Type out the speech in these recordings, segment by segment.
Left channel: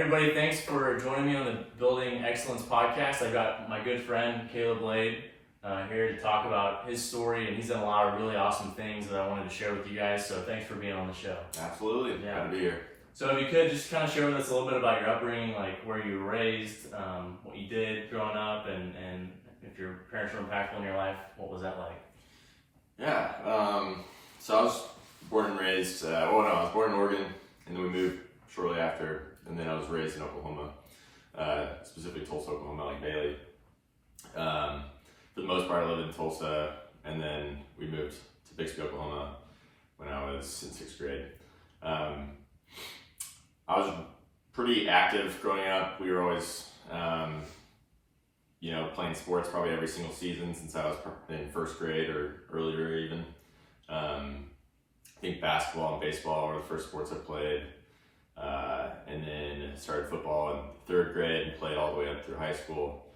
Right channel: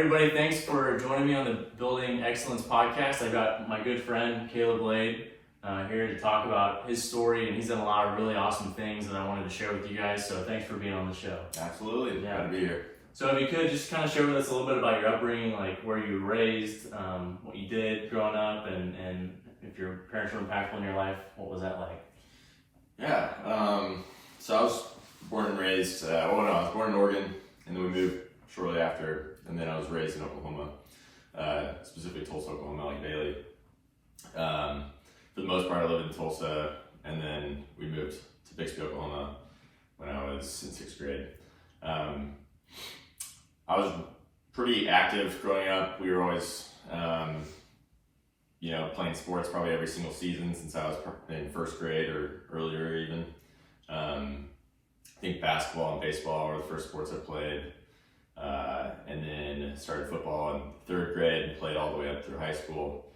Everybody, thanks for joining me on the Building Excellence podcast. I've got my good friend, Caleb Lade, here to talk about his story, and he's done a lot of really awesome things that I wanted to share with you guys, so thanks for being on the show. Absolutely, Yeah. Glad to be here. So if you could, just kind of share with us a little bit about your upbringing, like where you were raised, what you did growing up, and if your parents were impactful in your life, what was that like? Yeah, so I was born and raised, I was born in Oregon, and then we moved shortly after, and then I was raised in Oklahoma, specifically Tulsa, Oklahoma, like Bailey. For the most part, I lived in Tulsa, and then we moved to Bixby, Oklahoma when I was in 6th grade. I was pretty active growing up. We were always, playing sports probably every single season since I was in 1st grade or earlier even. I think basketball and baseball were the first sports I played. And then started football in 3rd grade and played all the way up through high school.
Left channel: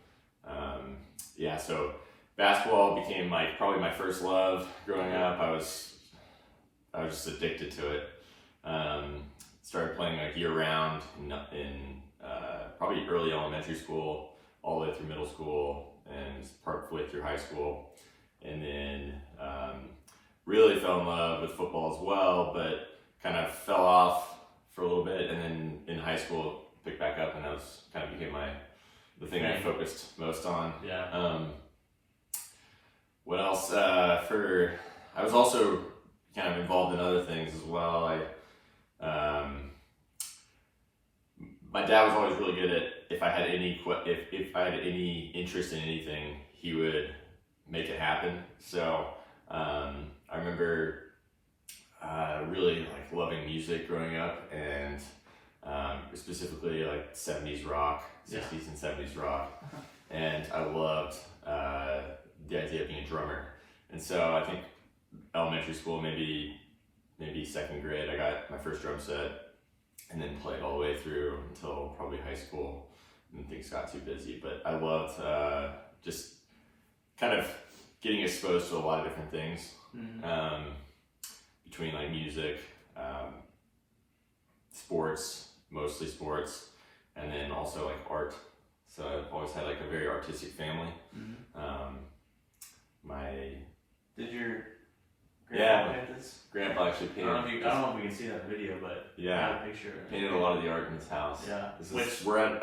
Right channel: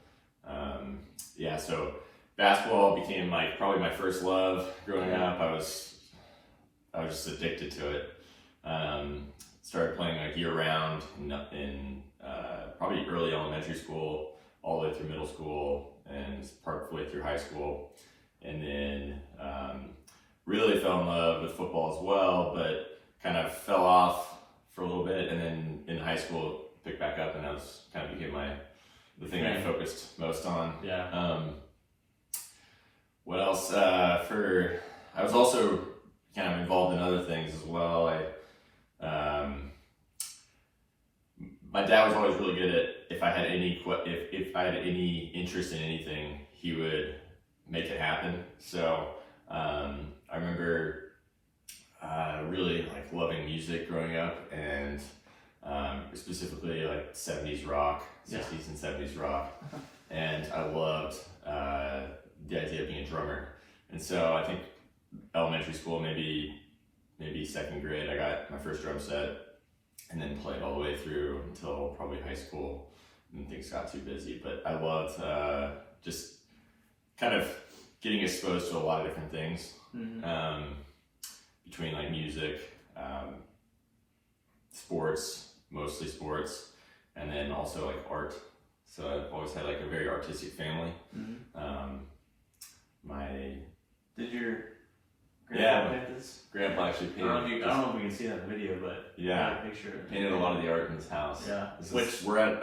So basketball became probably my first love growing up. I was just addicted to it. Started playing year round in probably early elementary school, all the way through middle school, and part way through high school. And then really fell in love with football as well, but kind of fell off for a little bit, and then in high school picked back up, and that was kind of became the thing I focused most on. Yeah. What else? I was also kind of involved in other things as well. My dad was always really good at if I had any interest in anything, he would make it happen. So I remember really loving music growing up, and specifically 70s rock, 60s and 70s rock, and I loved the idea of being a drummer. And so I think elementary school, maybe 2nd grade, I got my first drum set, and then played all the way through until probably high school, and things got too busy. But I loved just kind of getting exposed to a lot of different things. Mm-hmm. Between music, sports, mostly sports, and then also art. So I've always had a very artistic family. Mm-hmm. Did your grandpa paint this? Grandpa actually painted. I don't know if we can see that in the video, but yeah, I got a picture. Painted a lot of the art in his house. Yeah. We're at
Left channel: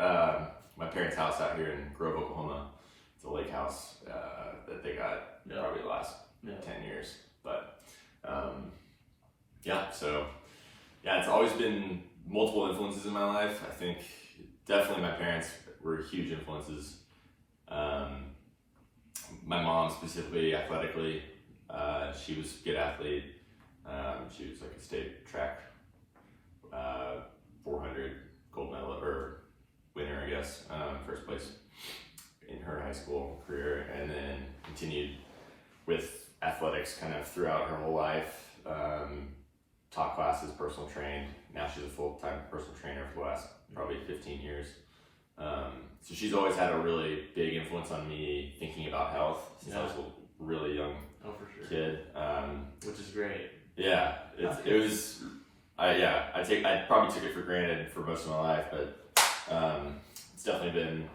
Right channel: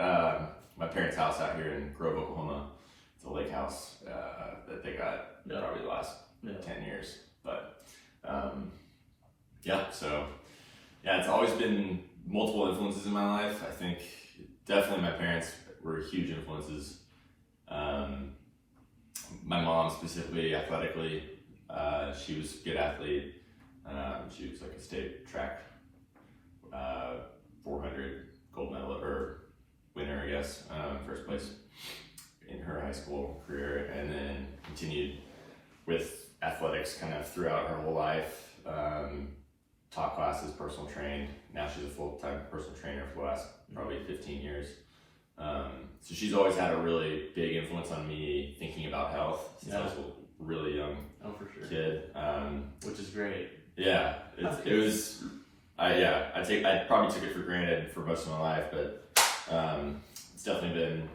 my parents' house out here in Grove, Oklahoma. It's a lake house that they got probably the last 10 years. But it's always been multiple influences in my life. I think definitely my parents were huge influences. My mom specifically, athletically, she was a good athlete. She was a state track 400 gold medal or winner, I guess, first place in her high school career, and then continued with athletics kind of throughout her whole life. Taught classes, personal trained. Now she's a full-time personal trainer for the last probably 15 years. So she's always had a really big influence on me thinking about health since I was a really young kid. Which is great. Yeah, it was. I probably took it for granted for most of my life, but it's definitely been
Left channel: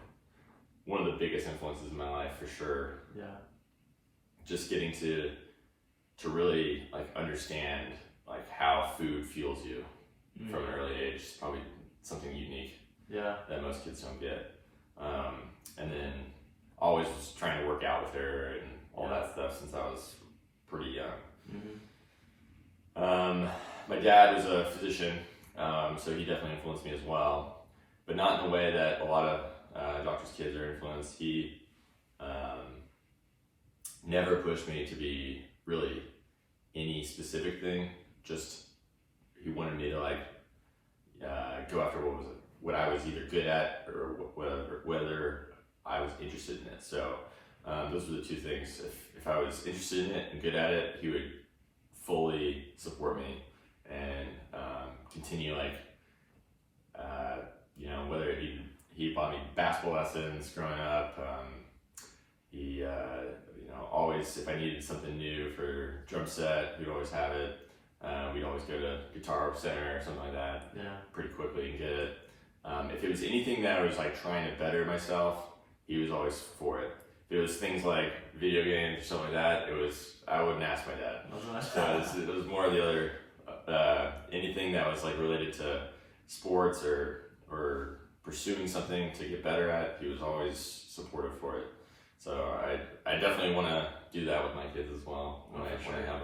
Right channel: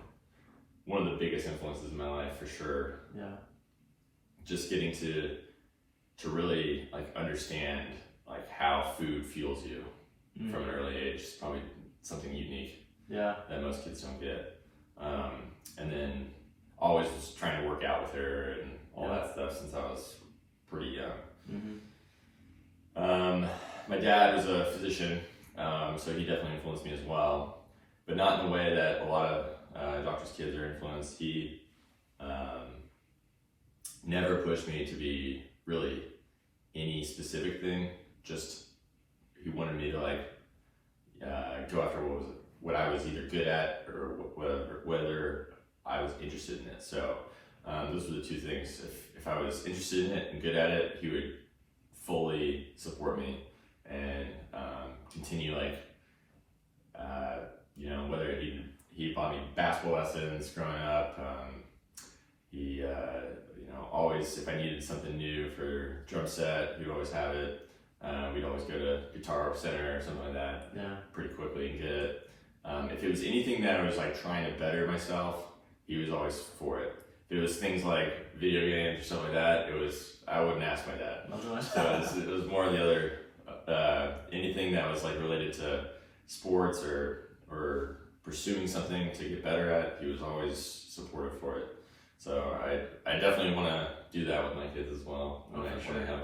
one of the biggest influences in my life for sure. Yeah. Just getting to really understand how food fuels you from an early age is probably something unique that most kids don't get. And then always was trying to work out with her and all that stuff since I was pretty young. Mm-hmm. My dad was a physician, so he definitely influenced me as well, but not in the way that a lot of doctors' kids are influenced. He never pushed me to be really any specific thing. Just he wanted me to go after what I was either good at or whether I was interested in it. So those were the two things. If I was interested in it and good at it, he would fully support me and continue whether he bought me basketball lessons growing up. He always, if I needed something new for drum set, he'd always have it. We'd always go to Guitar Center or something like that pretty quickly and get it. If it was anything that I was like trying to better myself, he was always for it. If it was things like video games or something like that, I wouldn't ask my dad. So it was more of the other, anything that was like related to sports or pursuing something to get better at, he was always supportive for it. So I definitely want to do that with my kids as well when I have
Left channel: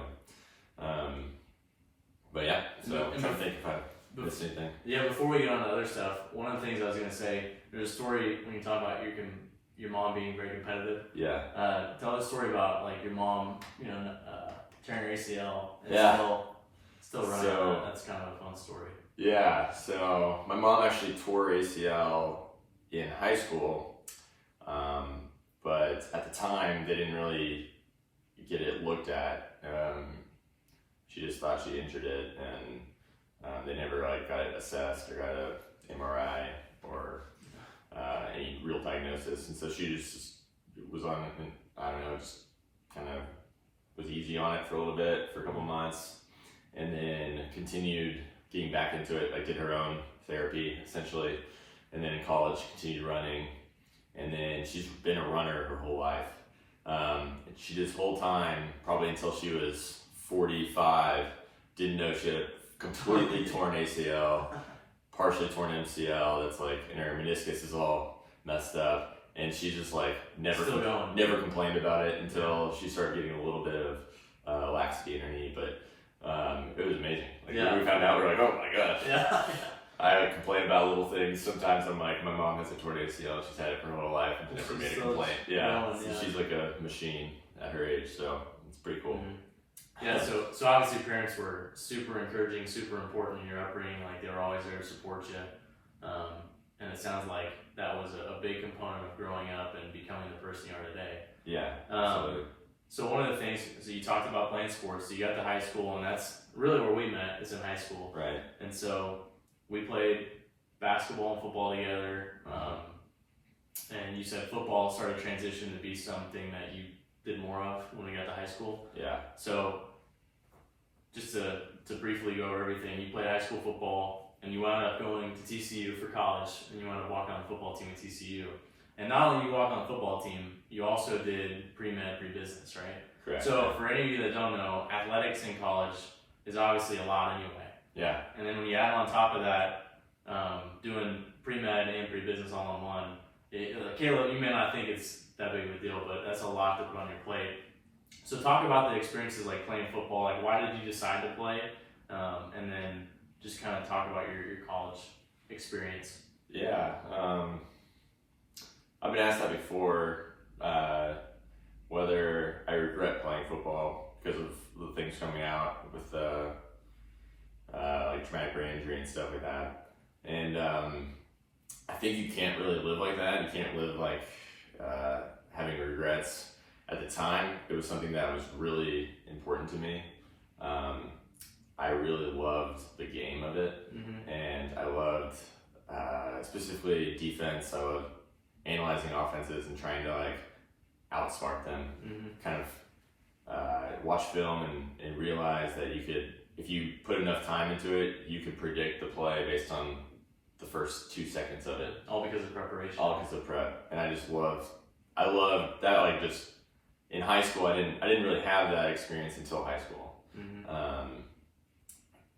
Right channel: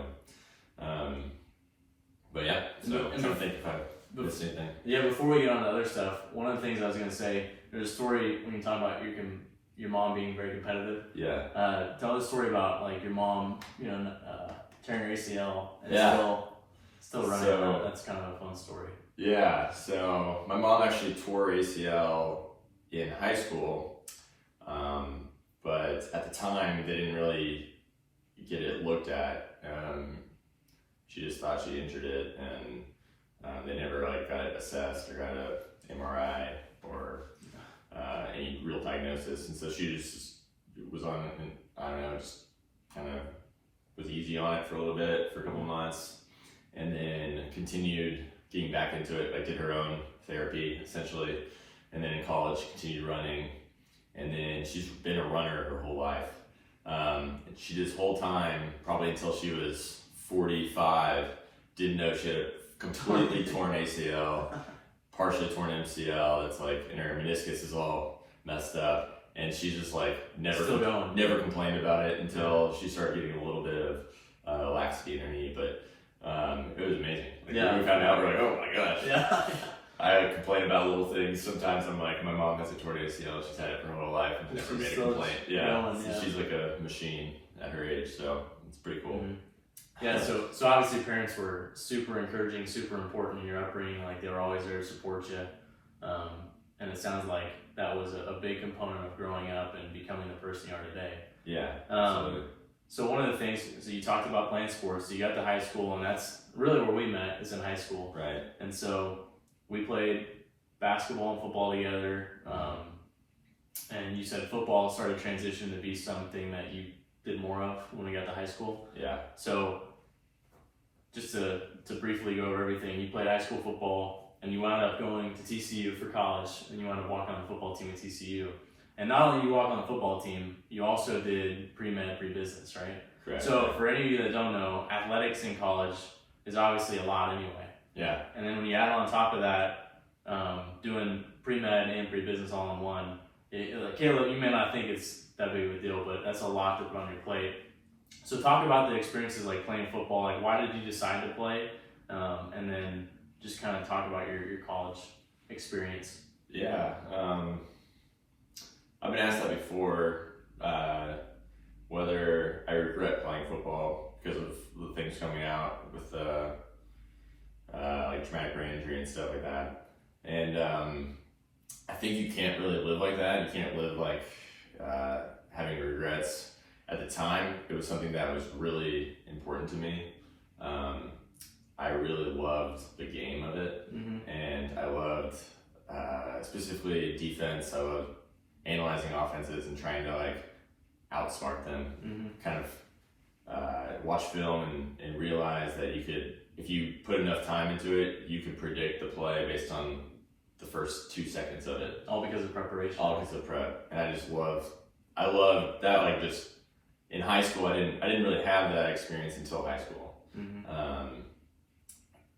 them. But yeah, so I'm trying to think if I missed anything. Yeah, before we get on to other stuff, one of the things I was going to say, there's a story when you talk about your mom being very competitive. Yeah. Tell us a story about like your mom, tearing her ACL and still running around. That's kind of a fun story. Yeah, so my mom actually tore her ACL in high school, but at the time they didn't really get it looked at. She just thought she injured it, and they never like got it assessed or got an MRI or any real diagnosis. And so she just was on, I don't know, just kind of was easy on it for a little bit, for a couple months, and then continued getting back into it, like did her own therapy essentially, and then in college continued running, and then she's been a runner her whole life. She this whole time, probably until she was 45, didn't know she had a completely torn ACL, partially torn MCL, that's like, and her meniscus is all messed up, and she just like never complained about it until she started getting a little bit of laxity in her knee, but it was amazing. Like when we found out, we were like, oh my gosh. Yeah. I complain about little things. Sometimes I'm like, my mom has a torn ACL. She's had it for her whole life and never made a complaint. She's like a machine at her age, so it's pretty cool. Mm-hmm. Yeah, so obviously parents were super encouraging, super important in your upbringing. Like they were always there to support you. And it sounds like that was a big component of growing up and becoming the person you are today. Yeah, absolutely. So one of the things, so you talked about playing sports, so you got to high school, and that's really where we met, is in high school. Right. And so we played basketball and football together, and you said football started to transition to be something that you did more of when we got to high school. Yeah. So just to briefly go over everything, you played high school football, and you wound up going to TCU for college, and you wound up walking on the football team at TCU. And not only you walk on the football team, you also did pre-med, pre-business, right? Correct. So for any of you that don't know, athletics in college is obviously a lot anyway. Yeah. And then when you add on top of that, doing pre-med and pre-business all in one, like Caleb, you may not think it's that big of a deal, but that's a lot to put on your plate. So talk about the experiences like playing football, like why did you decide to play? And then just kind of talk about your college experience. Yeah. I've been asked that before, whether I regret playing football because of the things coming out with like traumatic brain injury and stuff like that. And I think you can't really live like that. You can't live like having regrets. At the time, it was something that was really important to me. I really loved the game of it, and I loved specifically defense. I loved analyzing offenses and trying to like outsmart them. Kind of watch film and realize that you could, if you put enough time into it, you could predict the play based on the first 2 seconds of it. All because of preparation. All because of prep, and I loved that. Like just in high school, I didn't really have that experience until high school.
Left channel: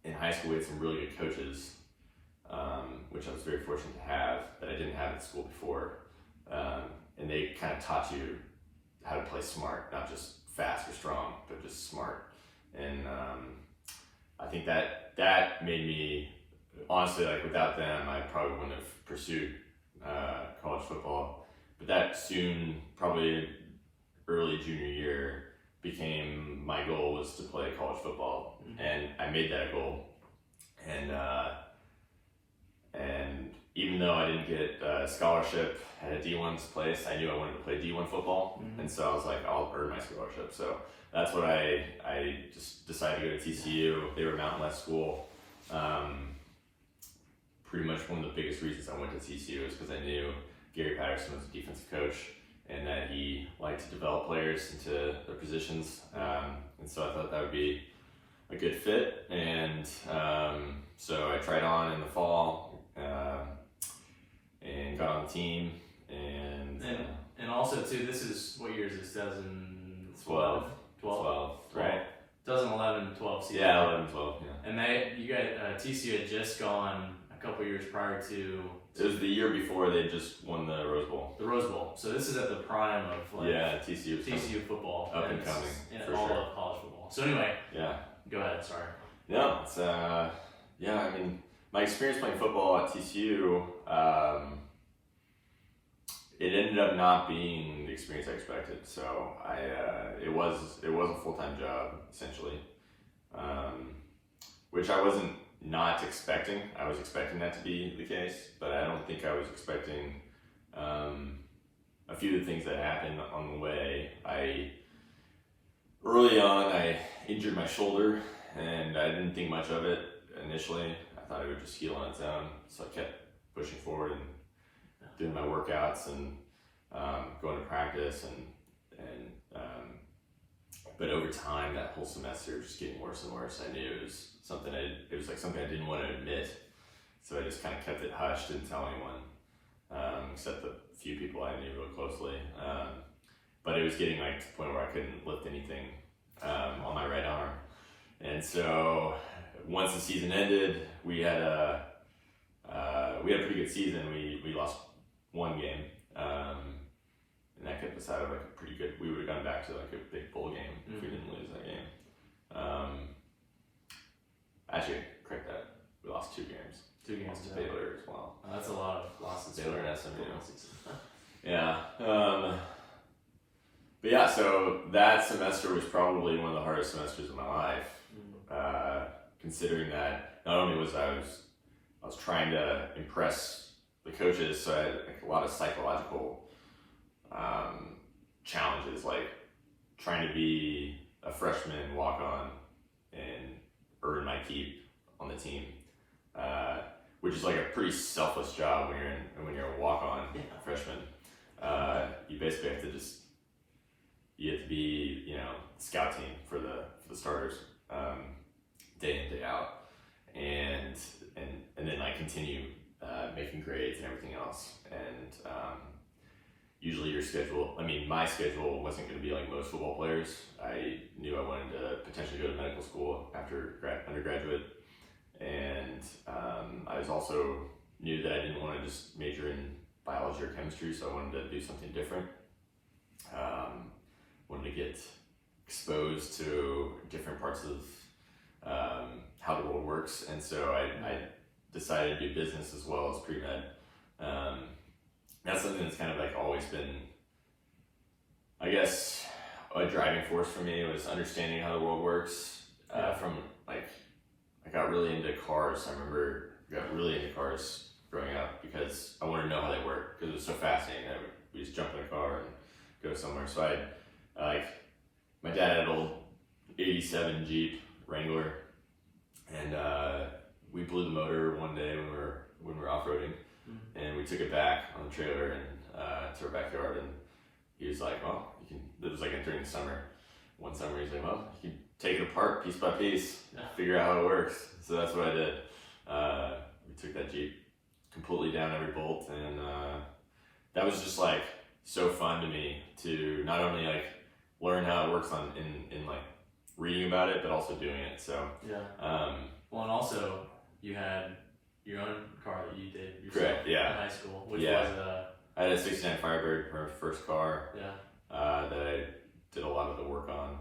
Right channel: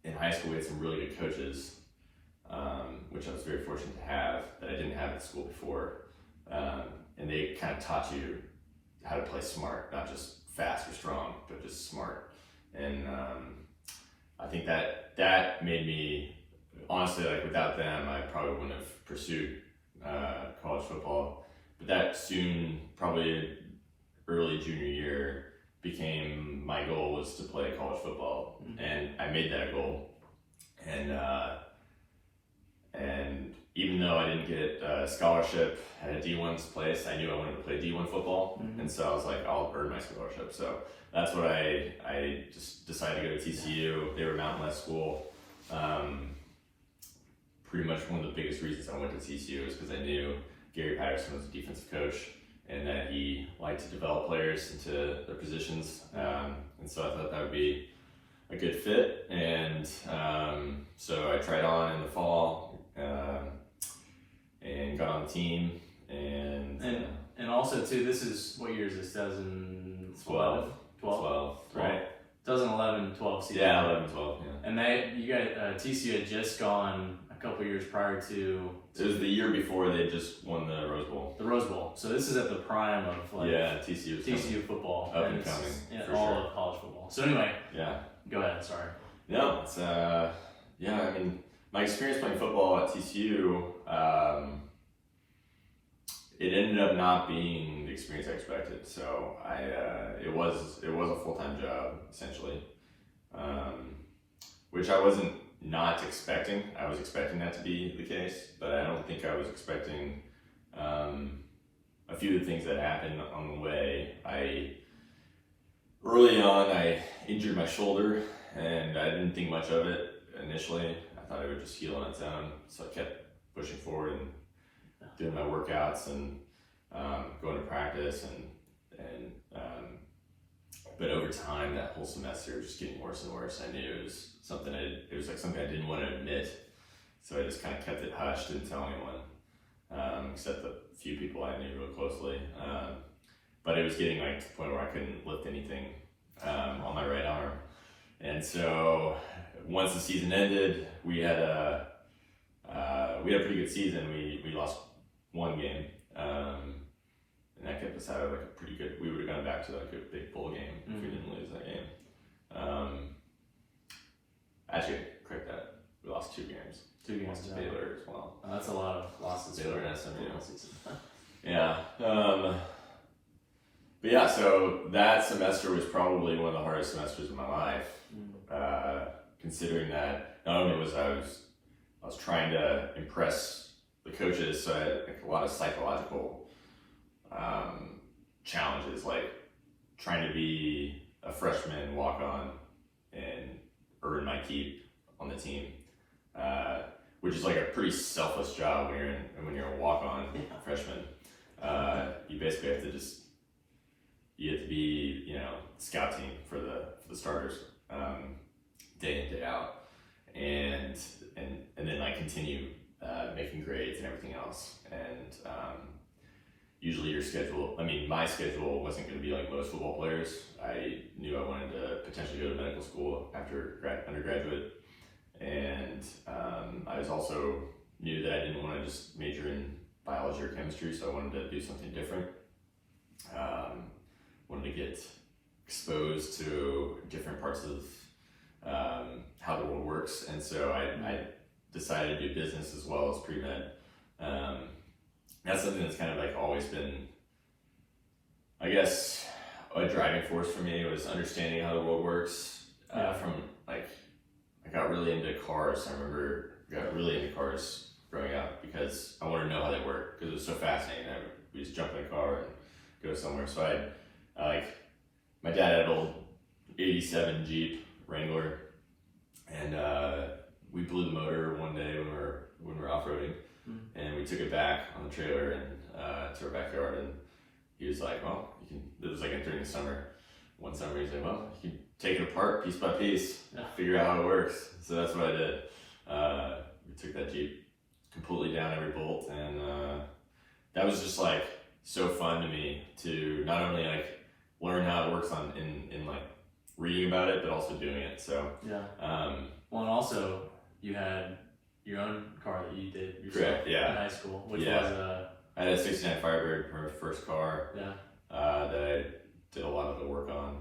In high school, we had some really good coaches, which I was very fortunate to have that I didn't have at school before. And they kind of taught you how to play smart, not just fast or strong, but just smart. And I think that made me, honestly, like without them, I probably wouldn't have pursued college football. But that soon, probably early junior year, became my goal was to play college football, and I made that a goal. And even though I didn't get a scholarship at a D1 place, I knew I wanted to play D1 football, and so I was like, I'll earn my scholarship. So that's what I just decided to go to TCU. They were a Mountain West school. Pretty much one of the biggest reasons I went to TCU is because I knew Gary Patterson was a defensive coach, and that he liked to develop players into their positions. And so I thought that would be a good fit. And so I tried on in the fall, got on the team, and also too, this is, what year is this? 2012? 12, right? 2011, 12 season. Yeah, 11, 12, yeah. And you guys, TCU had just gone a couple years prior to. It was the year before they just won the Rose Bowl. The Rose Bowl. So this is at the prime of TCU football. Up and coming. All of college football. So anyway. Yeah. Go ahead. Sorry. No, it's I mean, my experience playing football at TCU, it ended up not being the experience I expected. So it was a full-time job essentially, which I wasn't not expecting. I was expecting that to be the case, but I don't think I was expecting a few of the things that happened on the way. Early on, I injured my shoulder, and I didn't think much of it initially. I thought it would just heal on its own, so I kept pushing forward and doing my workouts and going to practice, but over time, that whole semester was just getting worse and worse. I knew it was something I didn't want to admit, so I just kind of kept it hushed, didn't tell anyone, except the few people I knew real closely. But it was getting like to the point where I couldn't lift anything on my right arm, and so once the season ended, we had a pretty good season. We lost one game. And that kept us out of like a pretty good. We would have gone back to like a big bowl game if we didn't lose that game. Actually, correct that. We lost 2 games. 2 games to Baylor as well. That's a lot of losses. Baylor and SMU. Yeah. But yeah, so that semester was probably one of the hardest semesters of my life. Considering that not only was I was trying to impress the coaches, so I had like a lot of psychological challenges, like trying to be a freshman walk on and earn my keep on the team, which is like a pretty selfless job when you're a walk on freshman. You basically have to you have to be scout team for the starters day in day out, and then I continue making grades and everything else, and usually my schedule wasn't going to be like most football players. I knew I wanted to potentially go to medical school after undergraduate, and I was also knew that I didn't want to just major in biology or chemistry, so I wanted to do something different. Wanted to get exposed to different parts of how the world works, and so I decided to do business as well as pre-med. That's something that's kind of like always been, I guess, a driving force for me, was understanding how the world works. From like, I got really into cars. I remember got really into cars growing up because I wanted to know how they work, because it was so fascinating. We just jump in a car and go somewhere. So my dad had an old '87 Jeep Wrangler, and we blew the motor one day when we were off-roading, and we took it back on the trailer and to our backyard, and he was like, well, it was like during the summer. One summer he's like, well, you can take it apart piece by piece, figure out how it works. So that's what I did. We took that Jeep completely down every bolt, and that was just like so fun to me to not only like learn how it works in like reading about it, but also doing it. So well, and also you had your own car that you did yourself. Correct, yeah. In high school, which was I had a '69 Firebird, my first car. Yeah. That I did a lot of the work on,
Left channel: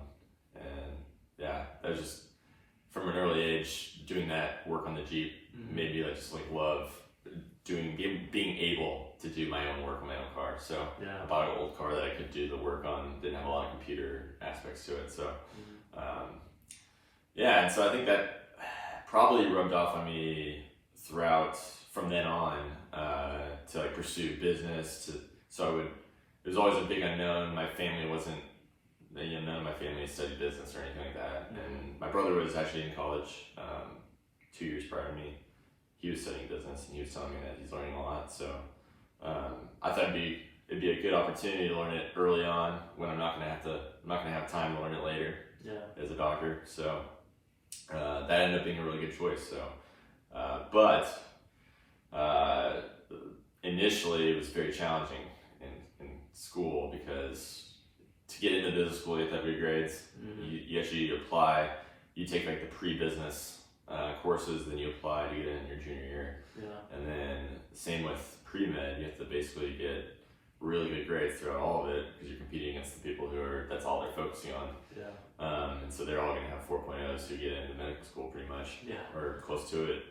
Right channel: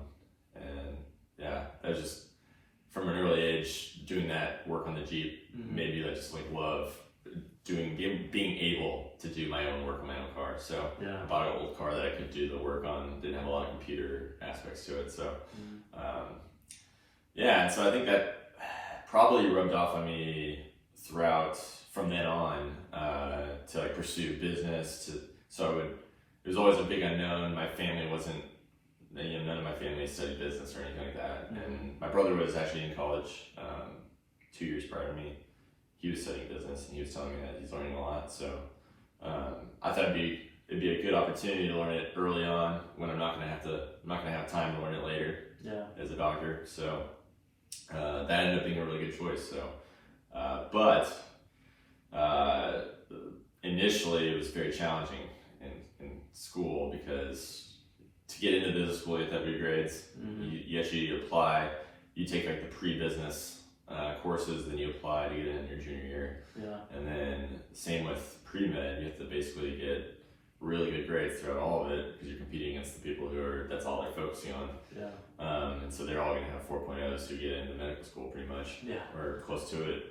and that was just from an early age doing that work on the Jeep made me just like love being able to do my own work on my own car. So I bought an old car that I could do the work on. Didn't have a lot of computer aspects to it. So and so I think that probably rubbed off on me throughout from then on to like pursue business. It was always a big unknown. My family wasn't. None of my family studied business or anything like that. And my brother was actually in college 2 years prior to me. He was studying business, and he was telling me that he's learning a lot. So I thought it'd be a good opportunity to learn it early on when I'm not gonna have time to learn it later. As a doctor. So that ended up being a really good choice. So, but initially it was very challenging in school because to get into business school you have to have good grades. You actually apply, you take like the pre-business courses, then you apply to get in your junior year. And then same with pre-med, you have to basically get really good grades throughout all of it because you're competing against the people who are, that's all they're focusing on. And so they're all going to have 4.0s to get into medical school pretty much, or close to it.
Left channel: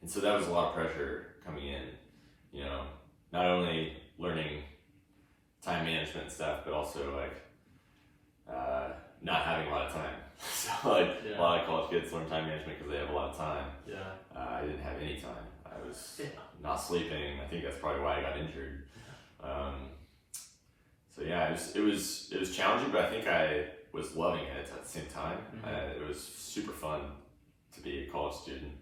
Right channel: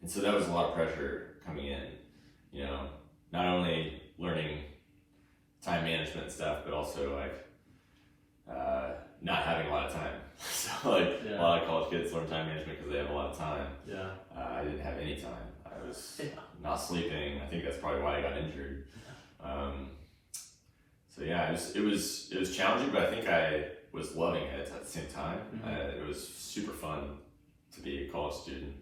And so that was a lot of pressure coming in, you know, not only learning time management stuff, but also like not having a lot of time. So like a lot of college kids learn time management because they have a lot of time. I didn't have any time. I was not sleeping. I think that's probably why I got injured. So yeah, it was challenging, but I think I was loving it at the same time. It was super fun to be a college student.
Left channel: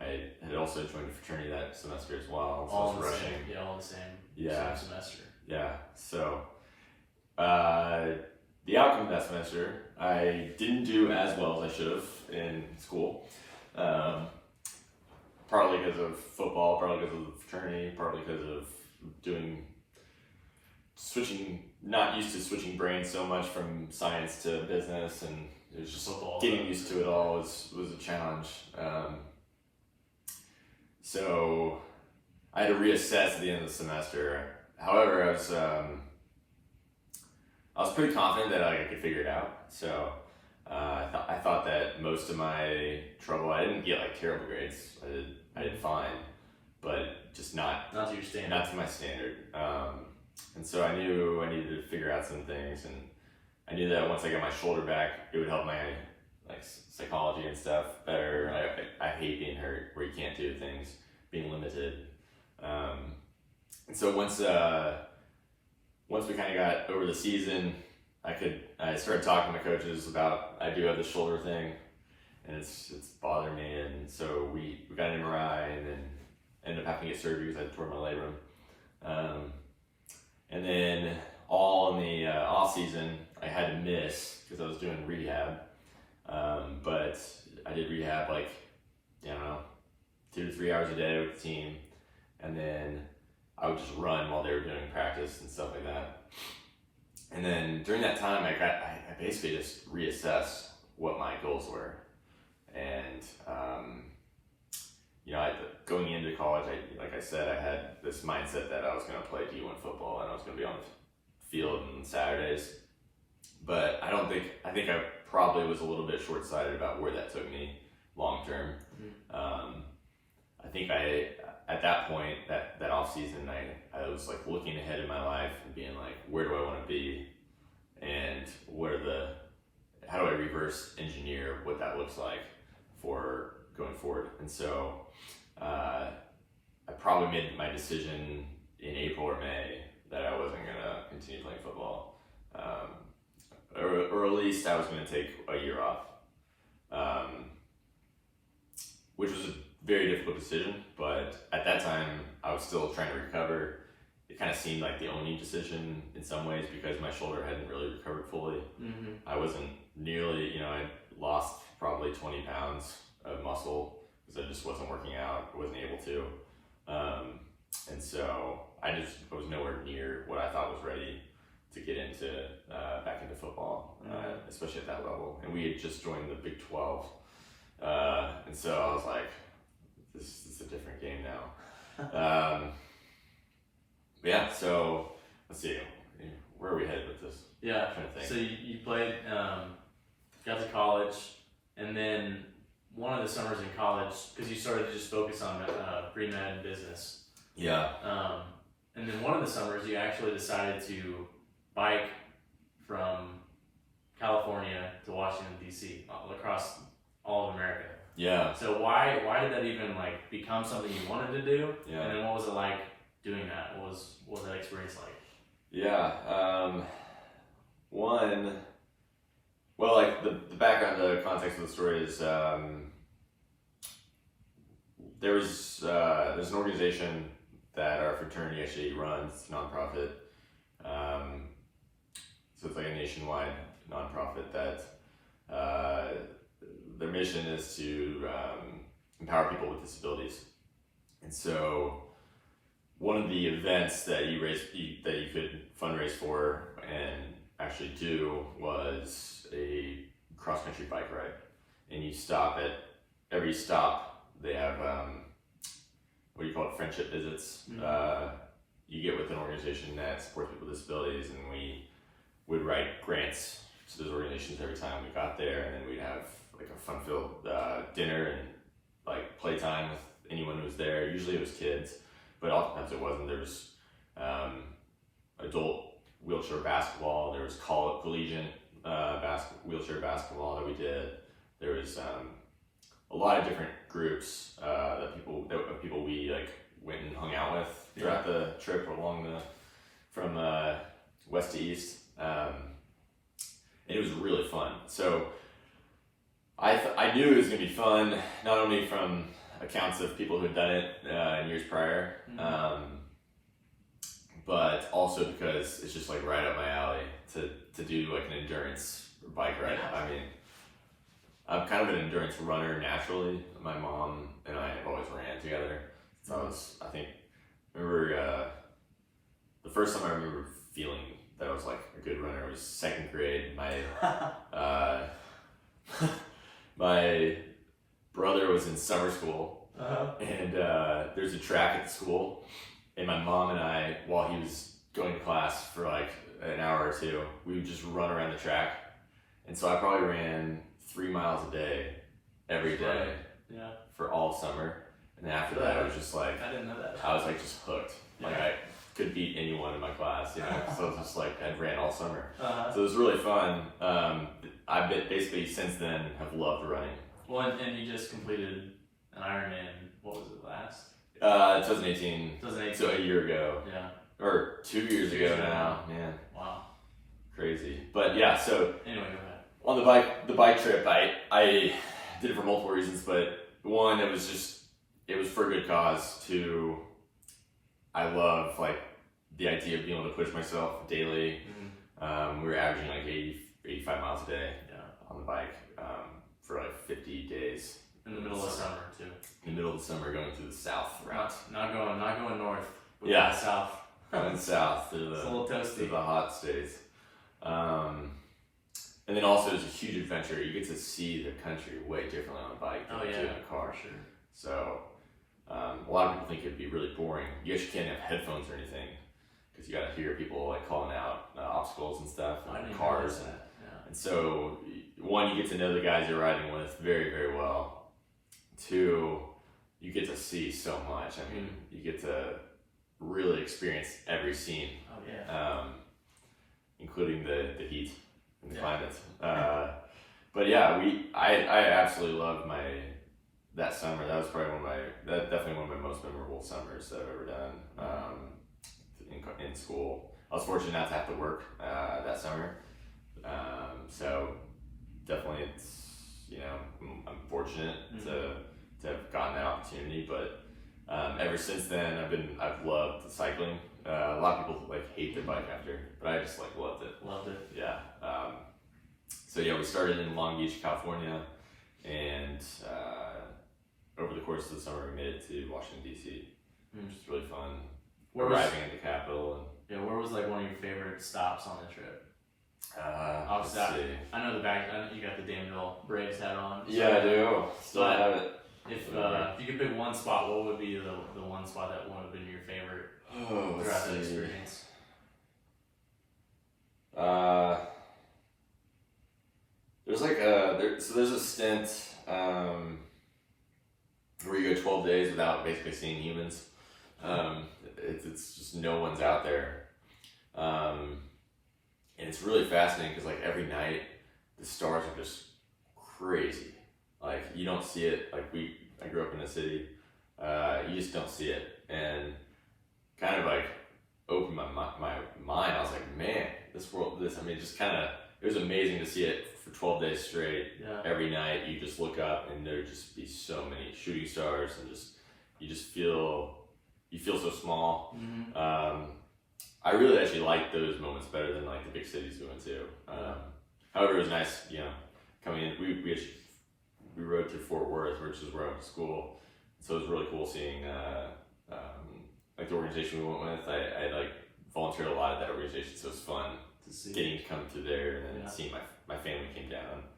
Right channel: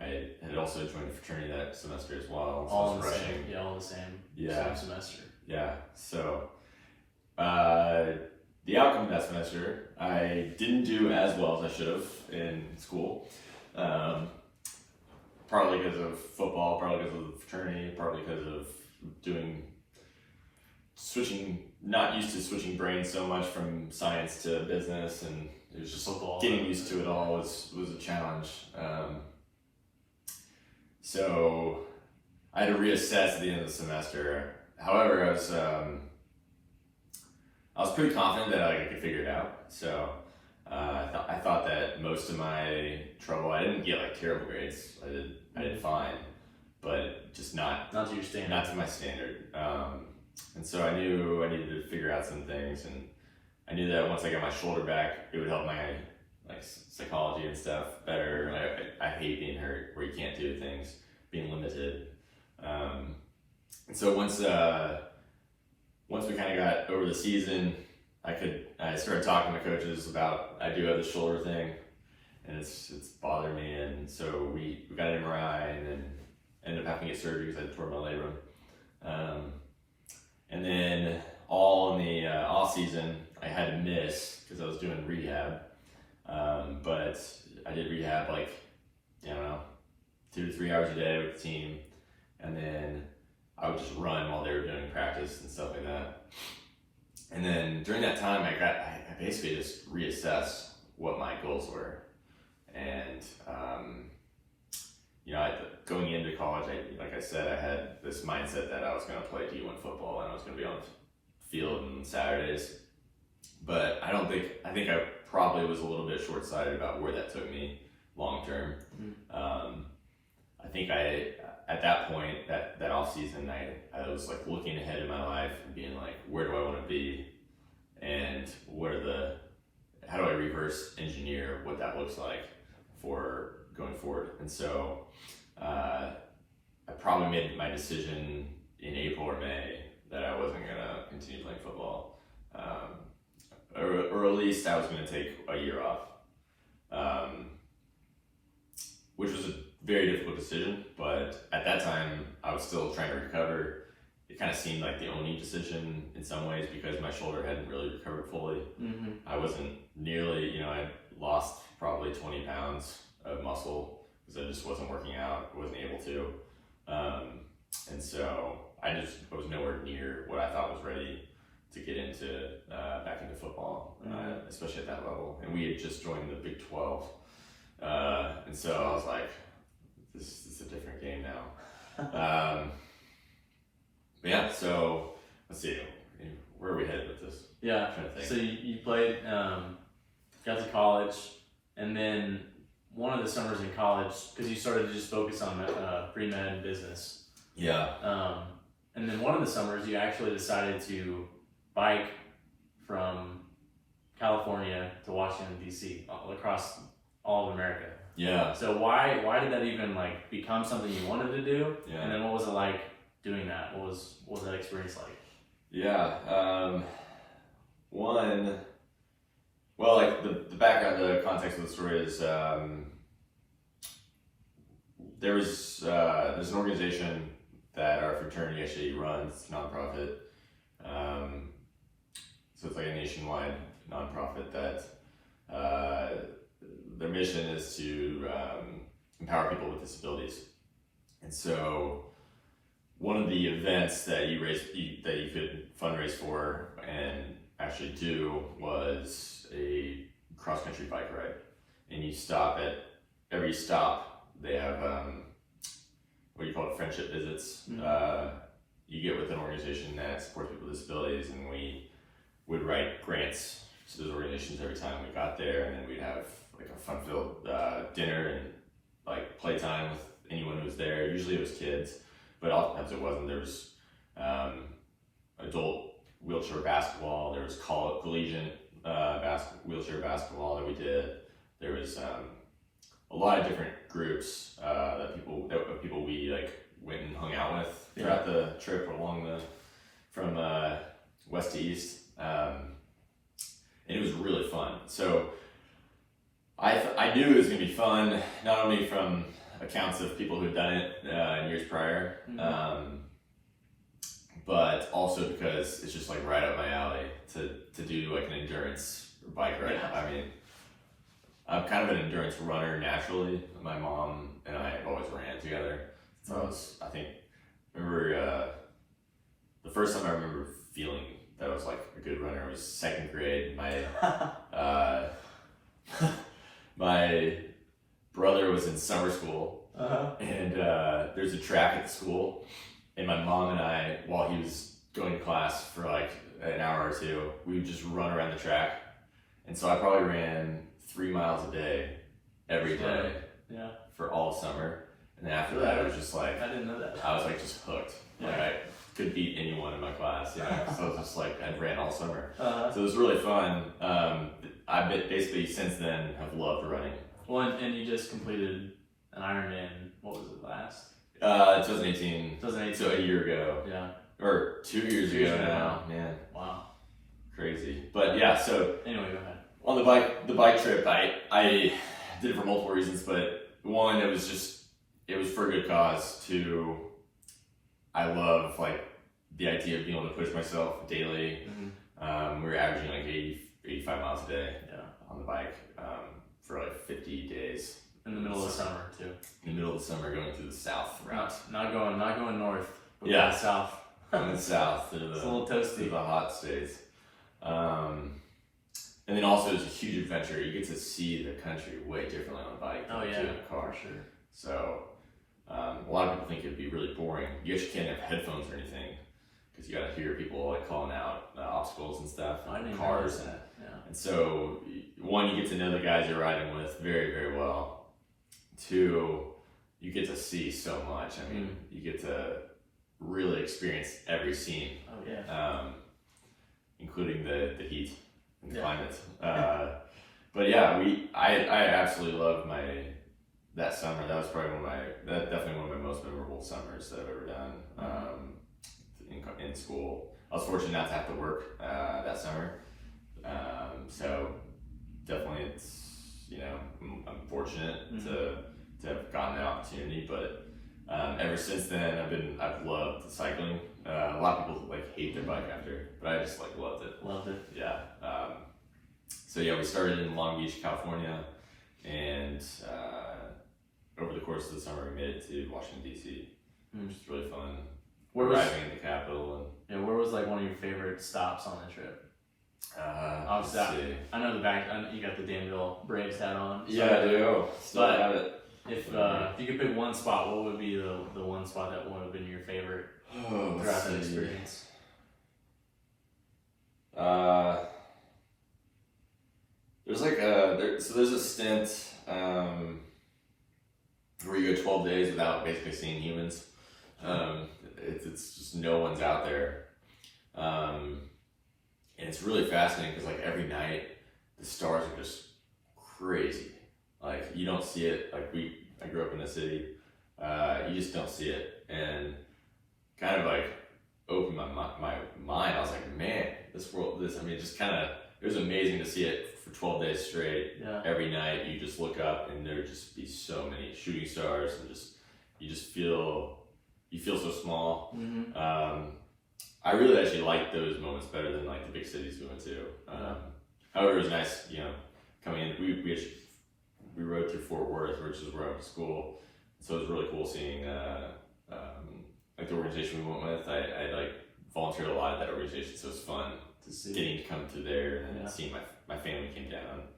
I had also joined the fraternity that semester as well. So all the same. Same semester. So the outcome of that semester, I didn't do as well as I should have in school. Partly because of football, partly because of the fraternity, partly because of not used to switching brains so much from science to business, and it was just football. Getting used to it all was a challenge. So I had to reassess at the end of the semester. However, I was pretty confident that I could figure it out. So I thought that most of my trouble, I didn't get like terrible grades. I did fine, but just not to your standard. Not to my standard. And so I knew I needed to figure out some things, and I knew that once I got my shoulder back, it would help my like psychology and stuff better. I hate being hurt where you can't do things, being limited. And so once we kind of got over the season, I started talking to coaches about I do have the shoulder thing, and it's bothering me, and so we got an MRI and then ended up having to get surgery because I tore my labrum. And then all in the off season, I had to miss because I was doing rehab. But I did rehab like, 2 to 3 hours a day with the team, and then I would just run while they were doing practice and stuff like that. And then during that time, I basically just reassessed what my goals were. And, going into college, like I said, I had this mindset that I was going to play D1 football and I was going to be on the field on Saturdays. But I think I probably was a little bit short-sighted about where that took me long term. I think at that point, that off season, I was like looking ahead in my life and being like, where do I want to be, and how do I reverse engineer what that looks like for going forward. And so I probably made my decision in April or May that I wasn't gonna continue playing football, or at least I was gonna take a year off, which was a very difficult decision. But at that time, I was still trying to recover. It kind of seemed like the only decision in some ways because my shoulder hadn't really recovered fully. I wasn't nearly, I lost probably 20 pounds of muscle because I just wasn't working out, wasn't able to. And so I was nowhere near what I thought was ready to get back into football, especially at that level. And we had just joined the Big 12. And so I was like, this is a different game now. But yeah, so let's see, where are we headed with this? Yeah, kind of thing? So you played, got to college, and then one of the summers in college, because you started to just focus on pre-med and business. And then one of the summers you actually decided to bike from California to Washington, D.C., across all of America. So why did that even like become something you wanted to do? And then what was it like doing that? What was that experience like? Like the background, the context of the story is there's an organization that our fraternity actually runs, nonprofit. So it's like a nationwide nonprofit that their mission is to empower people with disabilities. And so one of the events that you could fundraise for and actually do was a cross-country bike ride. And you stop at every stop, they have what do you call it, friendship visits. You get with an organization that supports people with disabilities, and we would write grants to those organizations every time we got there, and then we'd have like a fun-filled dinner and like playtime with anyone who was there. Usually it was kids, but oftentimes it wasn't. There was adult wheelchair basketball. There was collegiate wheelchair basketball that we did. There was a lot of different groups that people we like went and hung out with throughout the trip from west to east, and it was really fun. So I knew it was going to be fun, not only from accounts of people who've done it in years prior, but also because it's just like right up my alley to do like an endurance bike ride. I mean, I'm kind of an endurance runner naturally. My mom and I have always ran together. So I remember the first time I remember feeling that I was like a good runner was second grade. My brother was in summer school, and there's a track at the school, and my mom and I, while he was going to class for like an hour or two, we would just run around the track. And so I probably ran 3 miles a day every day for all summer. And then after that, it was just like, I didn't know that. I was like just hooked. Like I could beat anyone in my class, you know. So it was just like I ran all summer. So it was really fun. I basically since then have loved running. Well, and you just completed an Ironman. What was it last? 2018. 2018. So a year ago. Yeah. Or 2 years ago now. Man. Wow. Crazy. But yeah. So anyway, go ahead. On the bike trip, I did it for multiple reasons, but one, it was for a good cause. Two, I love like the idea of being able to push myself daily. We were averaging like 85 miles a day on the bike for like 50 days. In the middle of the summer too. In the middle of the summer, going to the south route. Not going north. But Yeah, going south. Going south to It's a little toasty. to the hot states. And then also it's a huge adventure. You get to see the country way differently on a bike than you do in a car. For sure. So a lot of people think it'd be really boring. You actually can't have headphones or anything because you got to hear people like calling out obstacles and stuff, and cars. And so one, you get to know the guys you're riding with very, very well. Two, you get to see so much. I mean, you get to really experience every scene. Oh yeah. Including the heat and the climate. But yeah, I absolutely loved that summer. That was probably definitely one of my most memorable summers that I've ever done in school. I was fortunate not to have to work that summer. So definitely I'm fortunate to have gotten that opportunity, but ever since then I've loved cycling. A lot of people like hate their bike after, but I just like loved it. Yeah. So yeah, we started in Long Beach, California, and over the course of the summer we made it to Washington D.C. Which was really fun. Arriving at the Capitol and where was like one of your favorite stops on the trip? Obviously, I know you got the Danville Braves hat on. So yeah, I do. Still have it. If you could pick one spot, what would be the one spot that would have been your favorite throughout that experience? There's like there's a stint where you go 12 days without basically seeing humans. It's just no one's out there, and it's really fascinating because like every night the stars are just crazy. Like you don't see it. Like I grew up in the city. You just don't see it, and kind of like opened my mind. I was like, man, it was amazing to see it for 12 days straight. Yeah. Every night you just look up and there'd just be so many shooting stars, and you feel so small. I really actually like those moments better than like the big cities we went to. However, it was nice, coming in. We we rode through Fort Worth, which is where I went to school. So it was really cool seeing like the organization we went with. I like volunteered a lot at that organization, so it was fun To see. getting to come through there and then Yeah. seeing my family came down.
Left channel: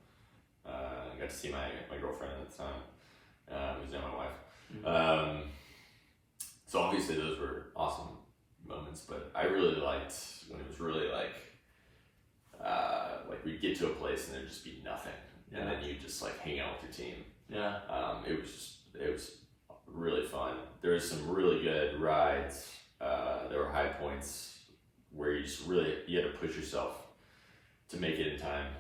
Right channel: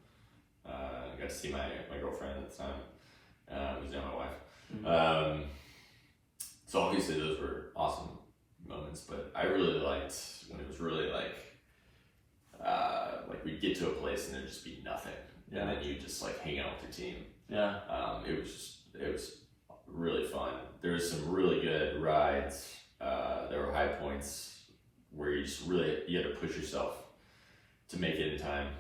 Got to see my girlfriend at the time, who's now my wife. Mhm. So obviously those were awesome moments, but I really liked when it was really like we'd get to a place and there'd just be nothing, Yeah. and then you just like hang out with your team. Yeah. It was really fun. There was some really good rides. There were high points where you just really you had to push yourself to make it in time.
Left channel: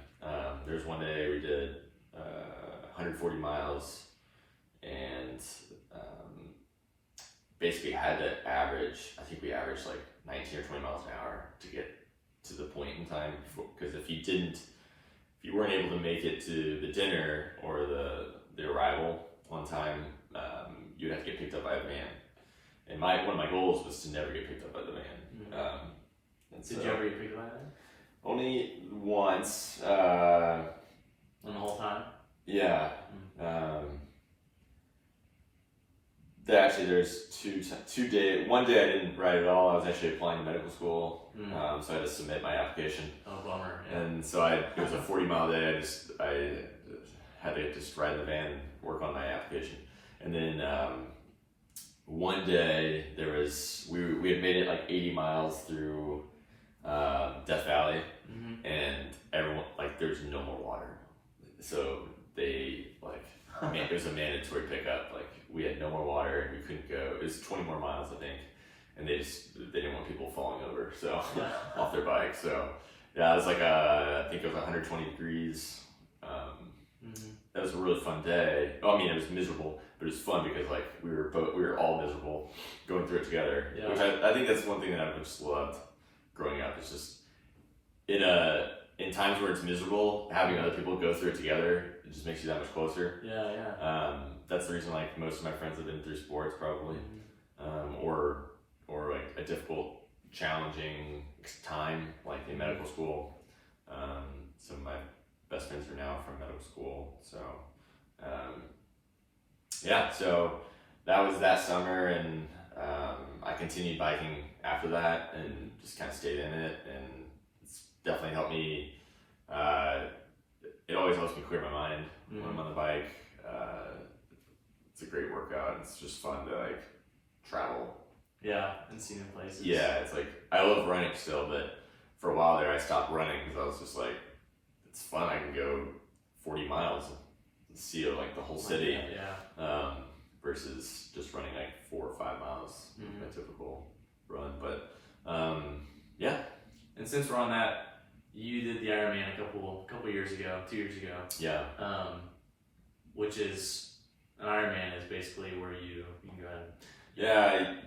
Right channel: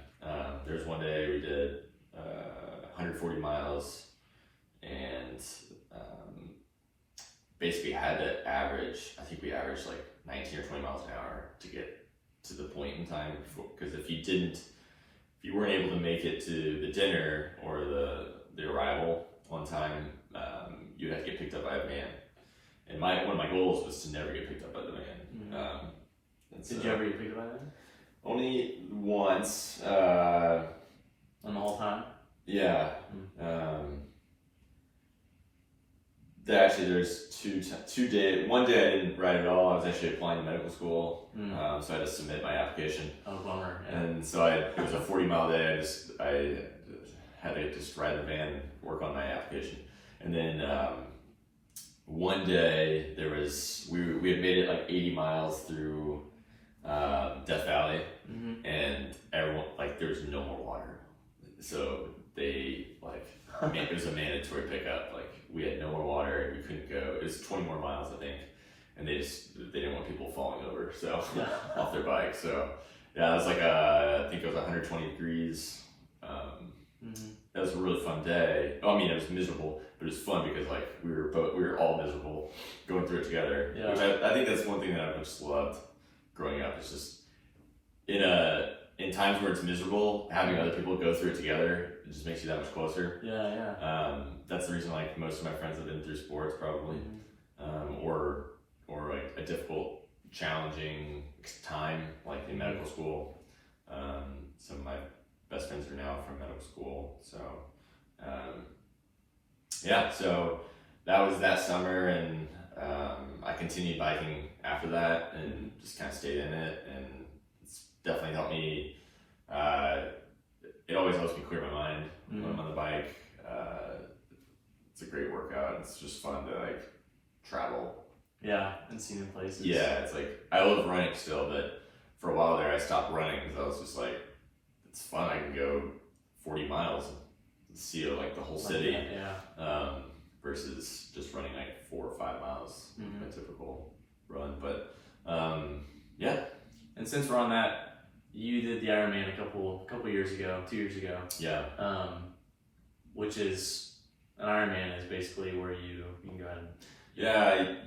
There was one day we did 140 miles and basically had to average. I think we averaged like 19 or 20 miles an hour to get to the point in time. Because if you weren't able to make it to the dinner or the arrival on time, you'd have to get picked up by a van. And one of my goals was to never get picked up by the van. Mhm. And Did so- you ever get picked up by that? Only once. On the whole time? Yeah. Actually, there's two days. One day I didn't ride at all. I was actually applying to medical school, so I had to submit my application. Oh, bummer. Yeah. And so it was a 40-mile day. I had to just ride the van and work on my application. And then one day we had made it like 80 miles through Death Valley, and everyone there's no more water, so they it was a mandatory pickup. We had no more water and we couldn't go. It was 20 more miles, I think, and they didn't want people falling over off their bike. So yeah, it was I think it was 120 degrees. That was a really fun day. I mean, it was miserable, but it was fun because we were all miserable going through it together. Yeah. Which I think that's one thing that I've just loved growing up. It's just in times where it's miserable, having other people go through it together, it just makes you that much closer. Yeah. That's the reason most of my friends have been through sports probably, or a difficult, challenging time in medical school. Some of my best friends are now from medical school, so so that was that summer, and I continued biking after that and just kind of stayed in it, and it's definitely helped me. It always helps me clear my mind when I'm on the bike. It's a great workout. It's just fun to travel. Yeah, and see new places. Yeah, it's I love running still, but for a while there I stopped running because I was just it's fun. I can go 40 miles and see the whole city. Yeah. Versus just running 4 or 5 miles, my typical run. But yeah. And since we're on that, you did the Ironman a couple years ago, 2 years ago. Yeah. Which is an Ironman is basically where you can go ahead.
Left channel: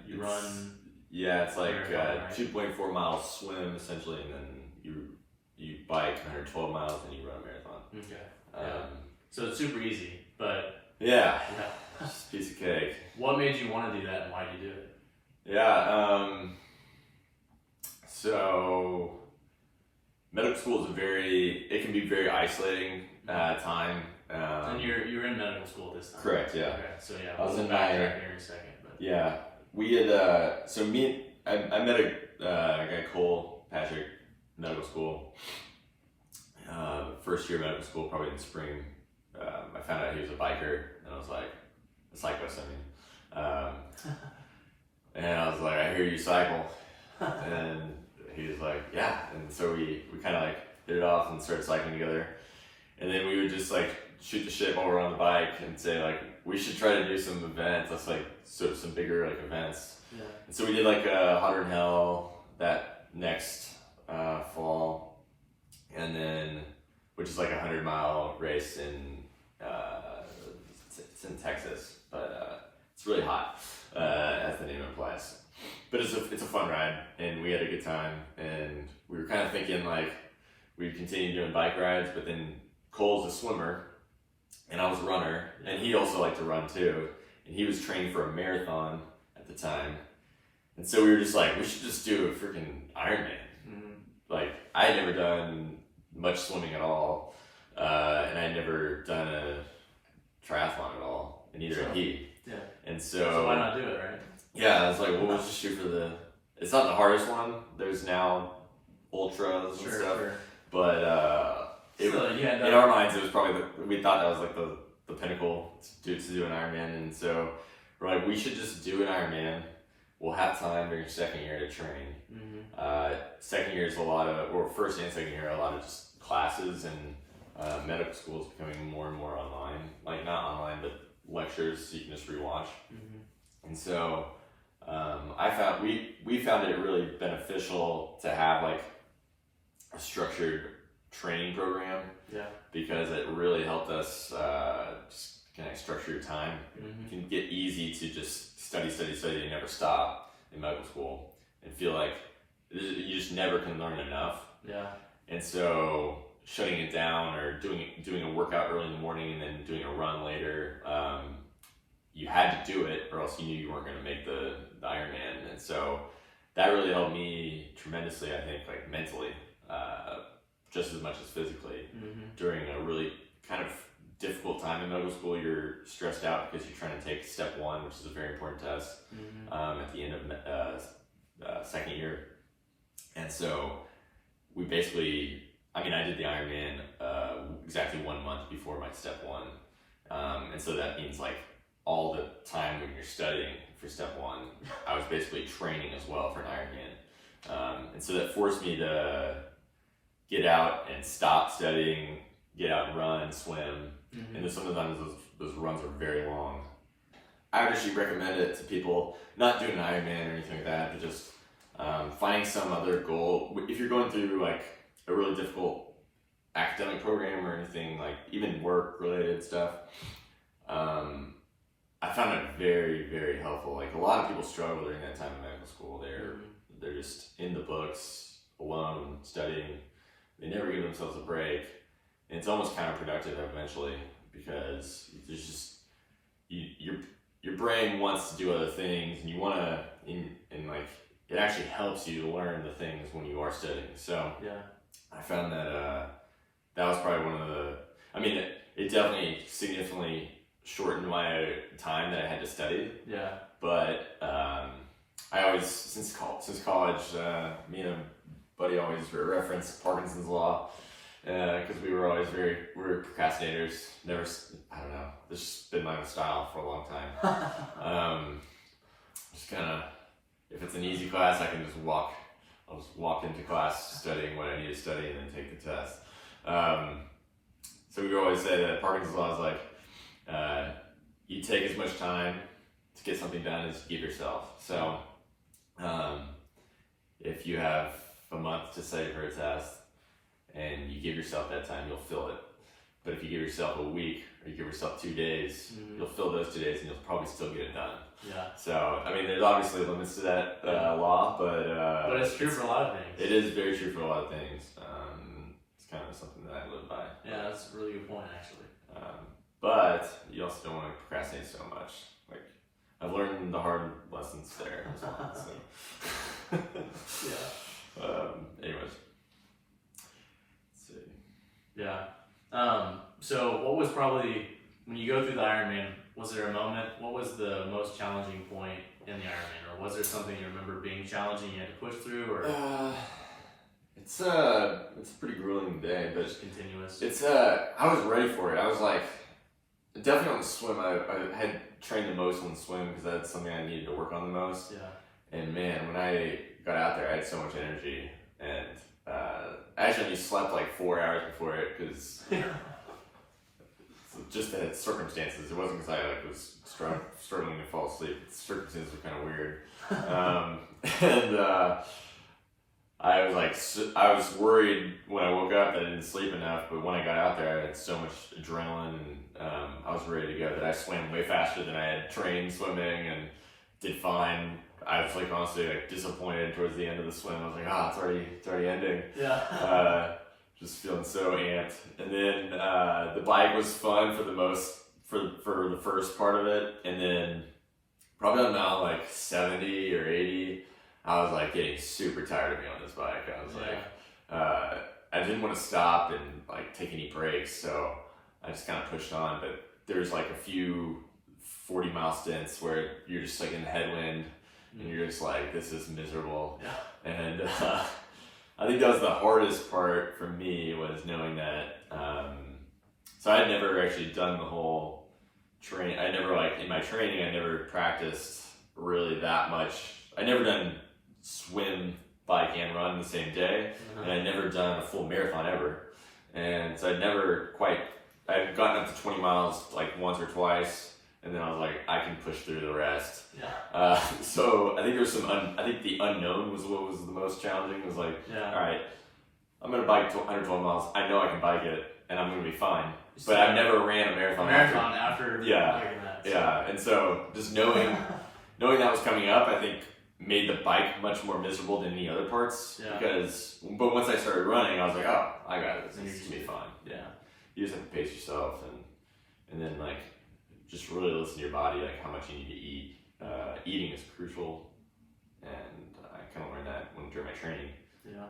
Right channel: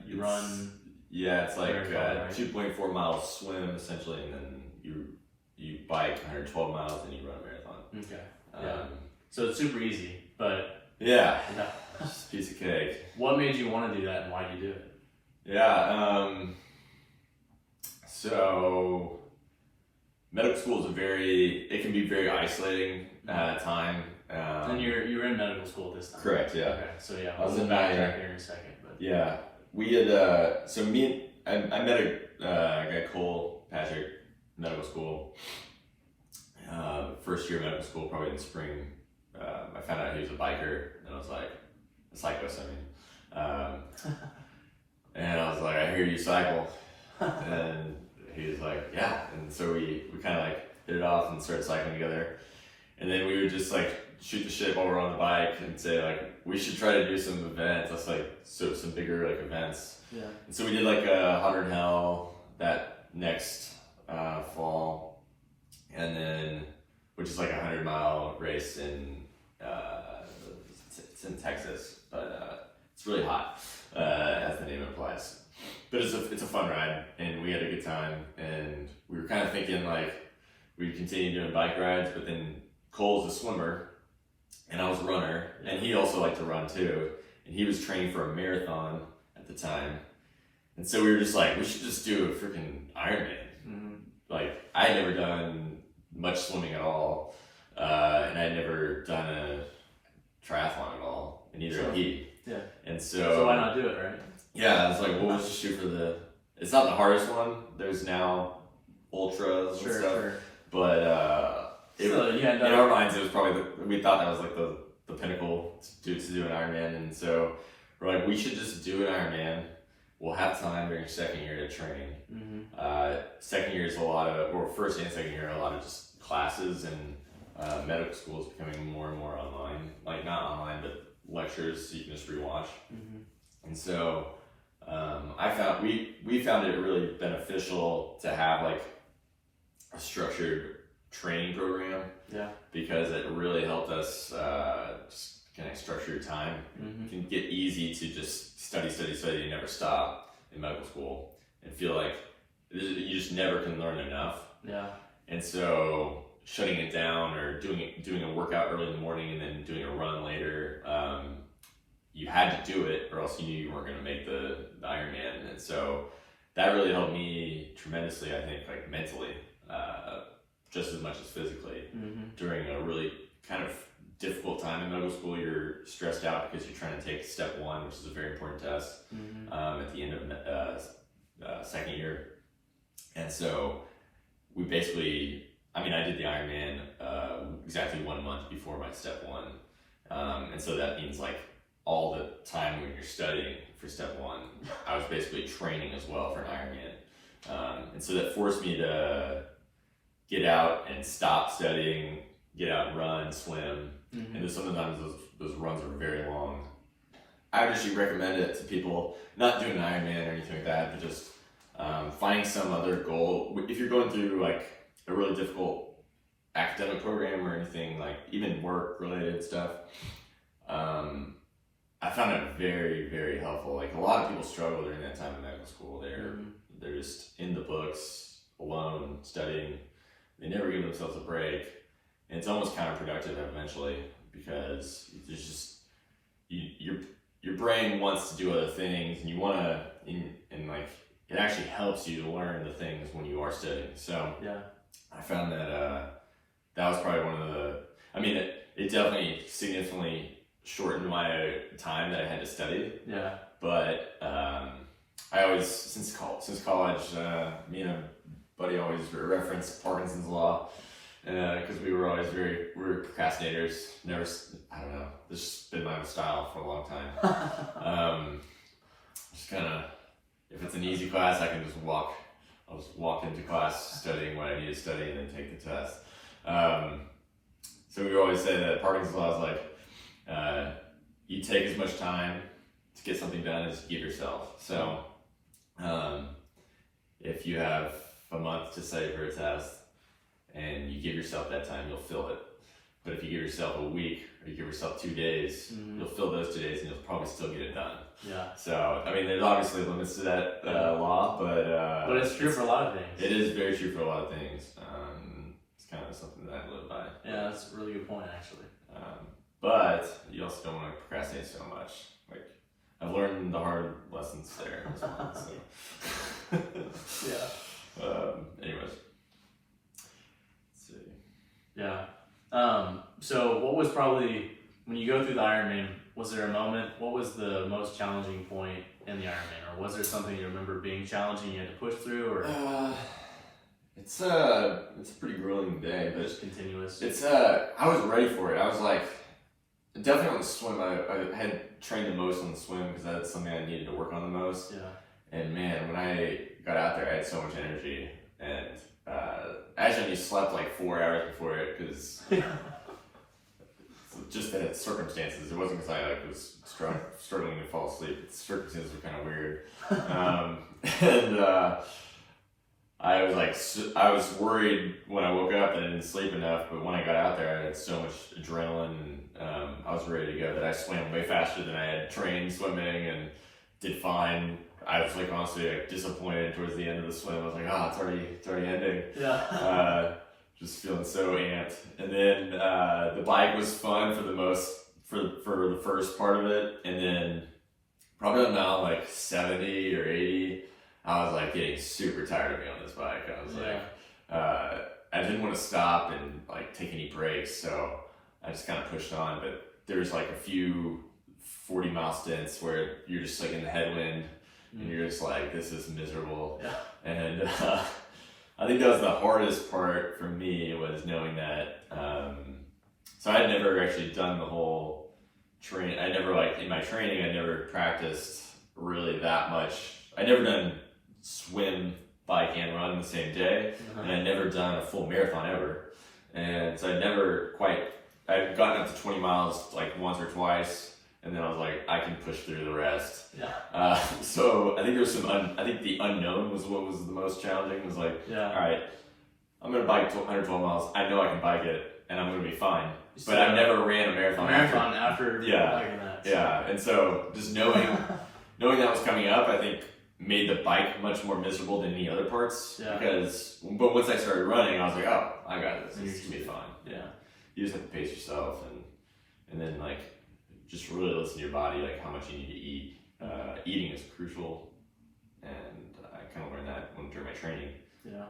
You run. Yeah, it's marathon, right? 2.4 mile swim essentially, and then you bike 112 miles and you run a marathon. Okay. So it's super easy, but yeah. yeah. Just a piece of cake. What made you want to do that, and why did you do it? Yeah. So medical school is it can be very isolating time. And you were in medical school this time. Correct. Yeah. Okay. So yeah, I was in backtrack here in a second, but yeah, we had I met a guy, Cole Patrick, medical school. First year of medical school, probably in spring. I found out he was a biker, and I was a cyclist. And I was I hear you cycle, and he was yeah. And so we kind of hit it off and started cycling together. And then we would just shoot the shit while we're on the bike and say we should try to do some events. That's some bigger events. yeah. And so we did a Hotter Than Hell that next fall, and then which is a 100-mile race in it's in Texas, but it's really hot as the name implies. But it's a fun ride, and we had a good time, and we were kind of thinking we'd continue doing bike rides, but then Cole's a swimmer, and I was a runner, and he also liked to run too, and he was training for a marathon at the time, and so we were just we should just do a freaking Ironman. I had never done much swimming at all, and I had never done neither So, did he. yeah. And So why not do it, right? Yeah, I was like, well, we'll just shoot for it's not the hardest one. There's now ultras and stuff. Sure. But in our minds, it was probably we thought that was like the pinnacle to do an Ironman. And so we're like, we should just do an Ironman. We'll have time during second year to train. Mm-hmm. Second year is first and second year are a lot of just classes, and medical school is becoming more and more online. Like not online, but lectures so you can just rewatch. Mm-hmm. And so we found it really beneficial to have like a structured training program. Yeah. Because it really helped us just kind of structure your time. Mm-hmm. It can get easy to just study and never stop in medical school and feel like you just never can learn enough. Yeah. And so shutting it down or doing a workout early in the morning and then doing a run later, you had to do it or else you knew you weren't going to make the Ironman. And so that really helped me tremendously, I think, like mentally, just as much as physically. Mm-hmm. During a really kind of difficult time in medical school, you're stressed out because you're trying to take step 1, which is a very important test, at the end of second year. And so we basically, I did the Ironman exactly 1 month before my step 1. And so that means like all the time when you're studying for step 1, I was basically training as well for an Ironman. And so that forced me to get out and stop studying, get out and run, swim. Mm-hmm. And sometimes those runs are very long. I would actually recommend it to people, not doing an Ironman or anything like that, but just finding some other goal. If you're going through like a really difficult academic program or anything, like even work related stuff, I found it very, very helpful. Like a lot of people struggle during that time in medical school. They're just in the books, alone, studying. They never give themselves a break. And it's almost counterproductive eventually because there's just, your brain wants to do other things and you want to, and like, it actually helps you to learn the things when you are studying. So yeah. I found that that was probably one of it definitely significantly shortened my time that I had to study. Yeah. But I always, since college, me and a buddy always reference Parkinson's law because we were procrastinators. Never, I don't know. This has been my style for a long time. Just kind of, if it's an easy class, I can just walk. I'll just walk into class studying what I need to study and then take the test. So we always say that Parkinson's law is like you take as much time to get something done as you give yourself. So if you have a month to study for a test and you give yourself that time, you'll fill it. But if you give yourself a week or you give yourself 2 days, you'll fill those 2 days and you'll probably still get it done. Yeah. So, there's obviously limits to that law, but it's true for a lot of things. It is very true for a lot of things. It's kind of something that I live by. Yeah, that's a really good point, actually. But you also don't want to procrastinate so much. Like, I've learned the hard lessons there. So. Yeah. Anyways. Let's see. Yeah. So what was probably, when you go through the Ironman, was there a moment, what was the most challenging point in the Ironman? Or was there something you remember being challenging you had to push through? Or it's a pretty grueling day, but just continuous? I was ready for it. I was like, definitely on the swim. I had trained the most on the swim because that's something I needed to work on the most. Yeah. And man, when I got out there, I had so much energy. And actually, I just slept like 4 hours before it because just the circumstances. It wasn't because I was struggling to fall asleep. The circumstances were kind of weird. And I was worried when I woke up that I didn't sleep enough, but when I got out there, I had so much adrenaline and I was ready to go that I swam way faster than I had trained swimming and did fine. I was like honestly disappointed towards the end of the swim. I was like, it's already ending. Yeah. Just feeling so amped. And then the bike was fun for the first part of it, and then probably now like 70 or 80. I was like getting super tired of being on this bike. I was like, I didn't want to stop and like take any breaks, so I just kind of pushed on. But there's like a few 40-mile stints where you're just like in the headwind and you're just like, this is miserable. Yeah. And I think that was the hardest part for me, was knowing that. So I had never actually done the whole train. I never, like, in my training, I never practiced really that much. I never done swim, bike, and run the same day. And I'd never done a full marathon ever. And so I'd gotten up to 20 miles like once or twice. And then I was like, I can push through the rest. Yeah. So I think there's I think the unknown was what was the most challenging. It was like, all right, I'm going to bike 112 miles. I know I can bike it and I'm going to be fine. But I've never ran a marathon after biking that. So. Yeah. And so just knowing that was coming up, I think made the bike much more miserable than any other parts. Yeah. But once I started running, I was like, oh, I got this. It's going to be fine. Yeah. You just have to pace yourself and then like, just really listen to your body, like how much you need to eat. Eating is crucial, and I kind of learned that during my training. Yeah.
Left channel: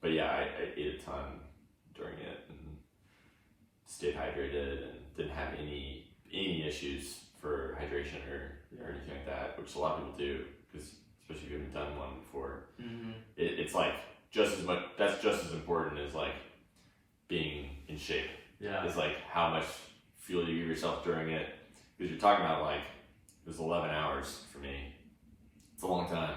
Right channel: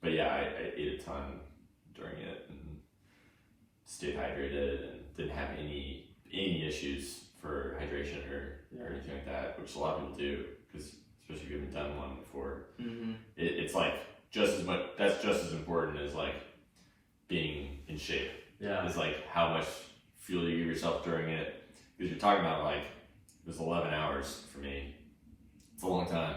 But yeah, I ate a ton during it and stayed hydrated and didn't have any issues for hydration or anything like that, which a lot of people do, because especially if you haven't done one before. Mm-hmm. It's like just as much. That's just as important as like being in shape. Yeah. It's like how much fuel you give yourself during it, because you're talking about like, it was 11 hours for me. It's a long time.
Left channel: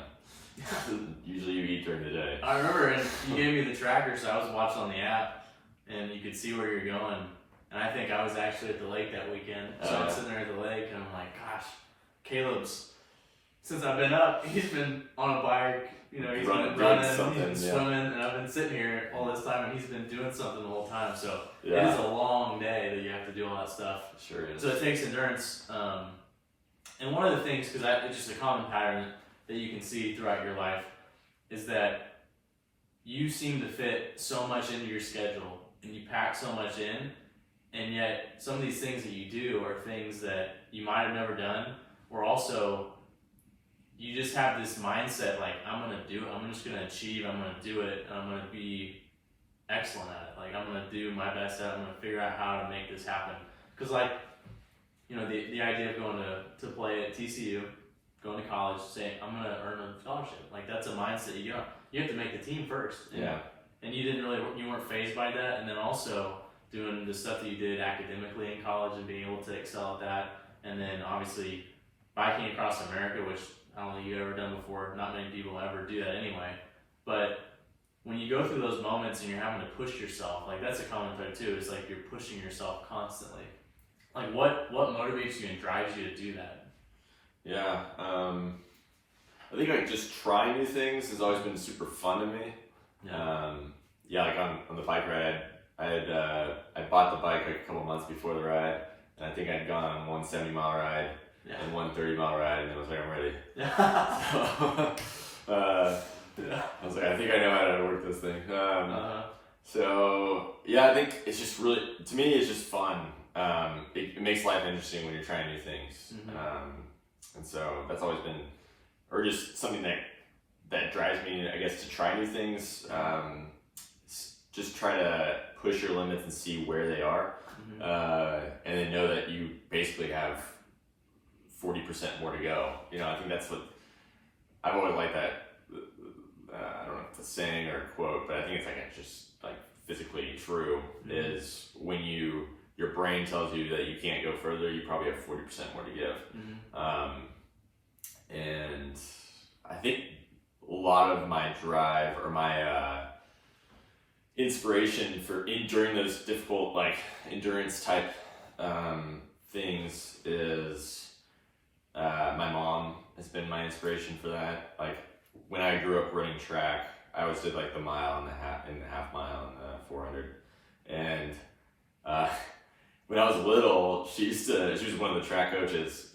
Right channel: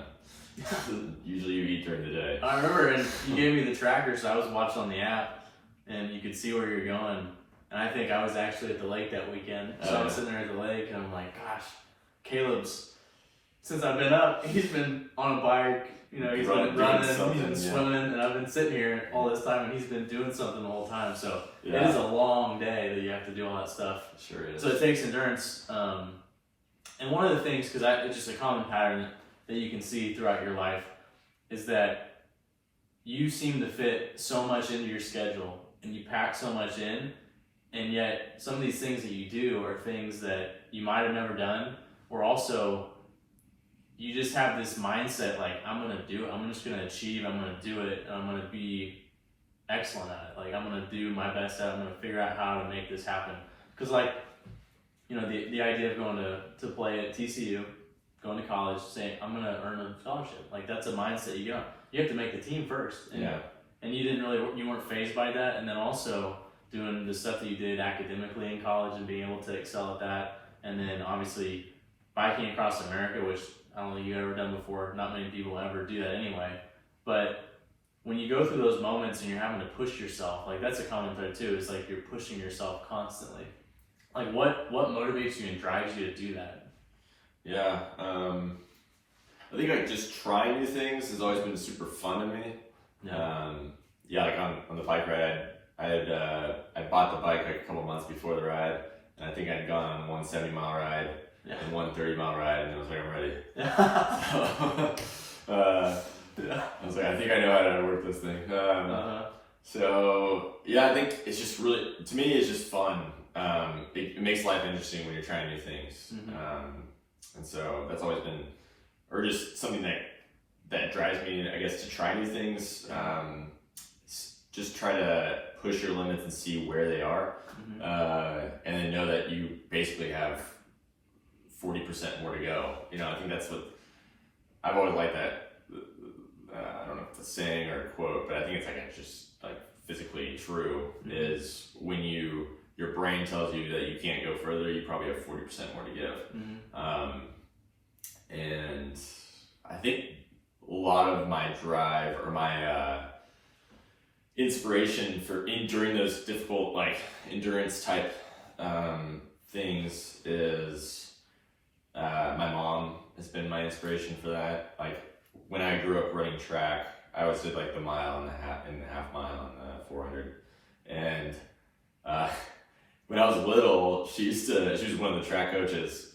Usually you eat during the day. I remember, and you gave me the tracker, so I was watching on the app, and you could see where you're going. And I think I was actually at the lake that weekend, so I'm sitting there at the lake, and I'm like, gosh, Caleb's, since I've been up, he's been on a bike, you know, he's been running, he's been swimming, and I've been sitting here all this time, and he's been doing something the whole time. So it is a long day that you have to do all that stuff. It sure is. So it takes endurance. And one of the things, because it's just a common pattern that you can see throughout your life, is that you seem to fit so much into your schedule and you pack so much in, and yet some of these things that you do are things that you might have never done, or also you just have this mindset like, I'm going to do it, I'm just going to achieve, I'm going to do it, and I'm going to be excellent at it. Like, I'm going to do my best at it, I'm going to figure out how to make this happen. Because like, you know, the idea of going to play at TCU, going to college, saying, I'm going to earn a scholarship. Like, that's a mindset you got. You have to make the team first. And you weren't fazed by that. And then also doing the stuff that you did academically in college and being able to excel at that. And then obviously biking across America, which I don't think you've ever done before. Not many people ever do that anyway. But when you go through those moments and you're having to push yourself, like that's a common thread too, is like you're pushing yourself constantly. Like what motivates you and drives you to do that? Yeah, I think like just trying new things has always been super fun to me. Like on the bike ride, I bought the bike like a couple months before the ride, and I think I'd gone on one 70-mile ride and one 30-mile ride, and I was like, I'm ready. I was like, I think I know how to work this thing. So yeah, I think it's just really, to me, it's just fun. It makes life interesting when you're trying new things. And so that's always been, or just something that drives me, I guess, to try new things. Just try to push your limits and see where they are. And then know that you basically have 40% more to go. You know, I think that's what, I've always liked that. I don't know if it's a saying or a quote, but I think it's just like physically true, is when your brain tells you that you can't go further, you probably have 40% more to give. And I think a lot of my drive or my inspiration during those difficult like endurance type things is my mom has been my inspiration for that. Like when I grew up running track, I always did like the mile and the half mile and 400. And when I was little, she was one of the track coaches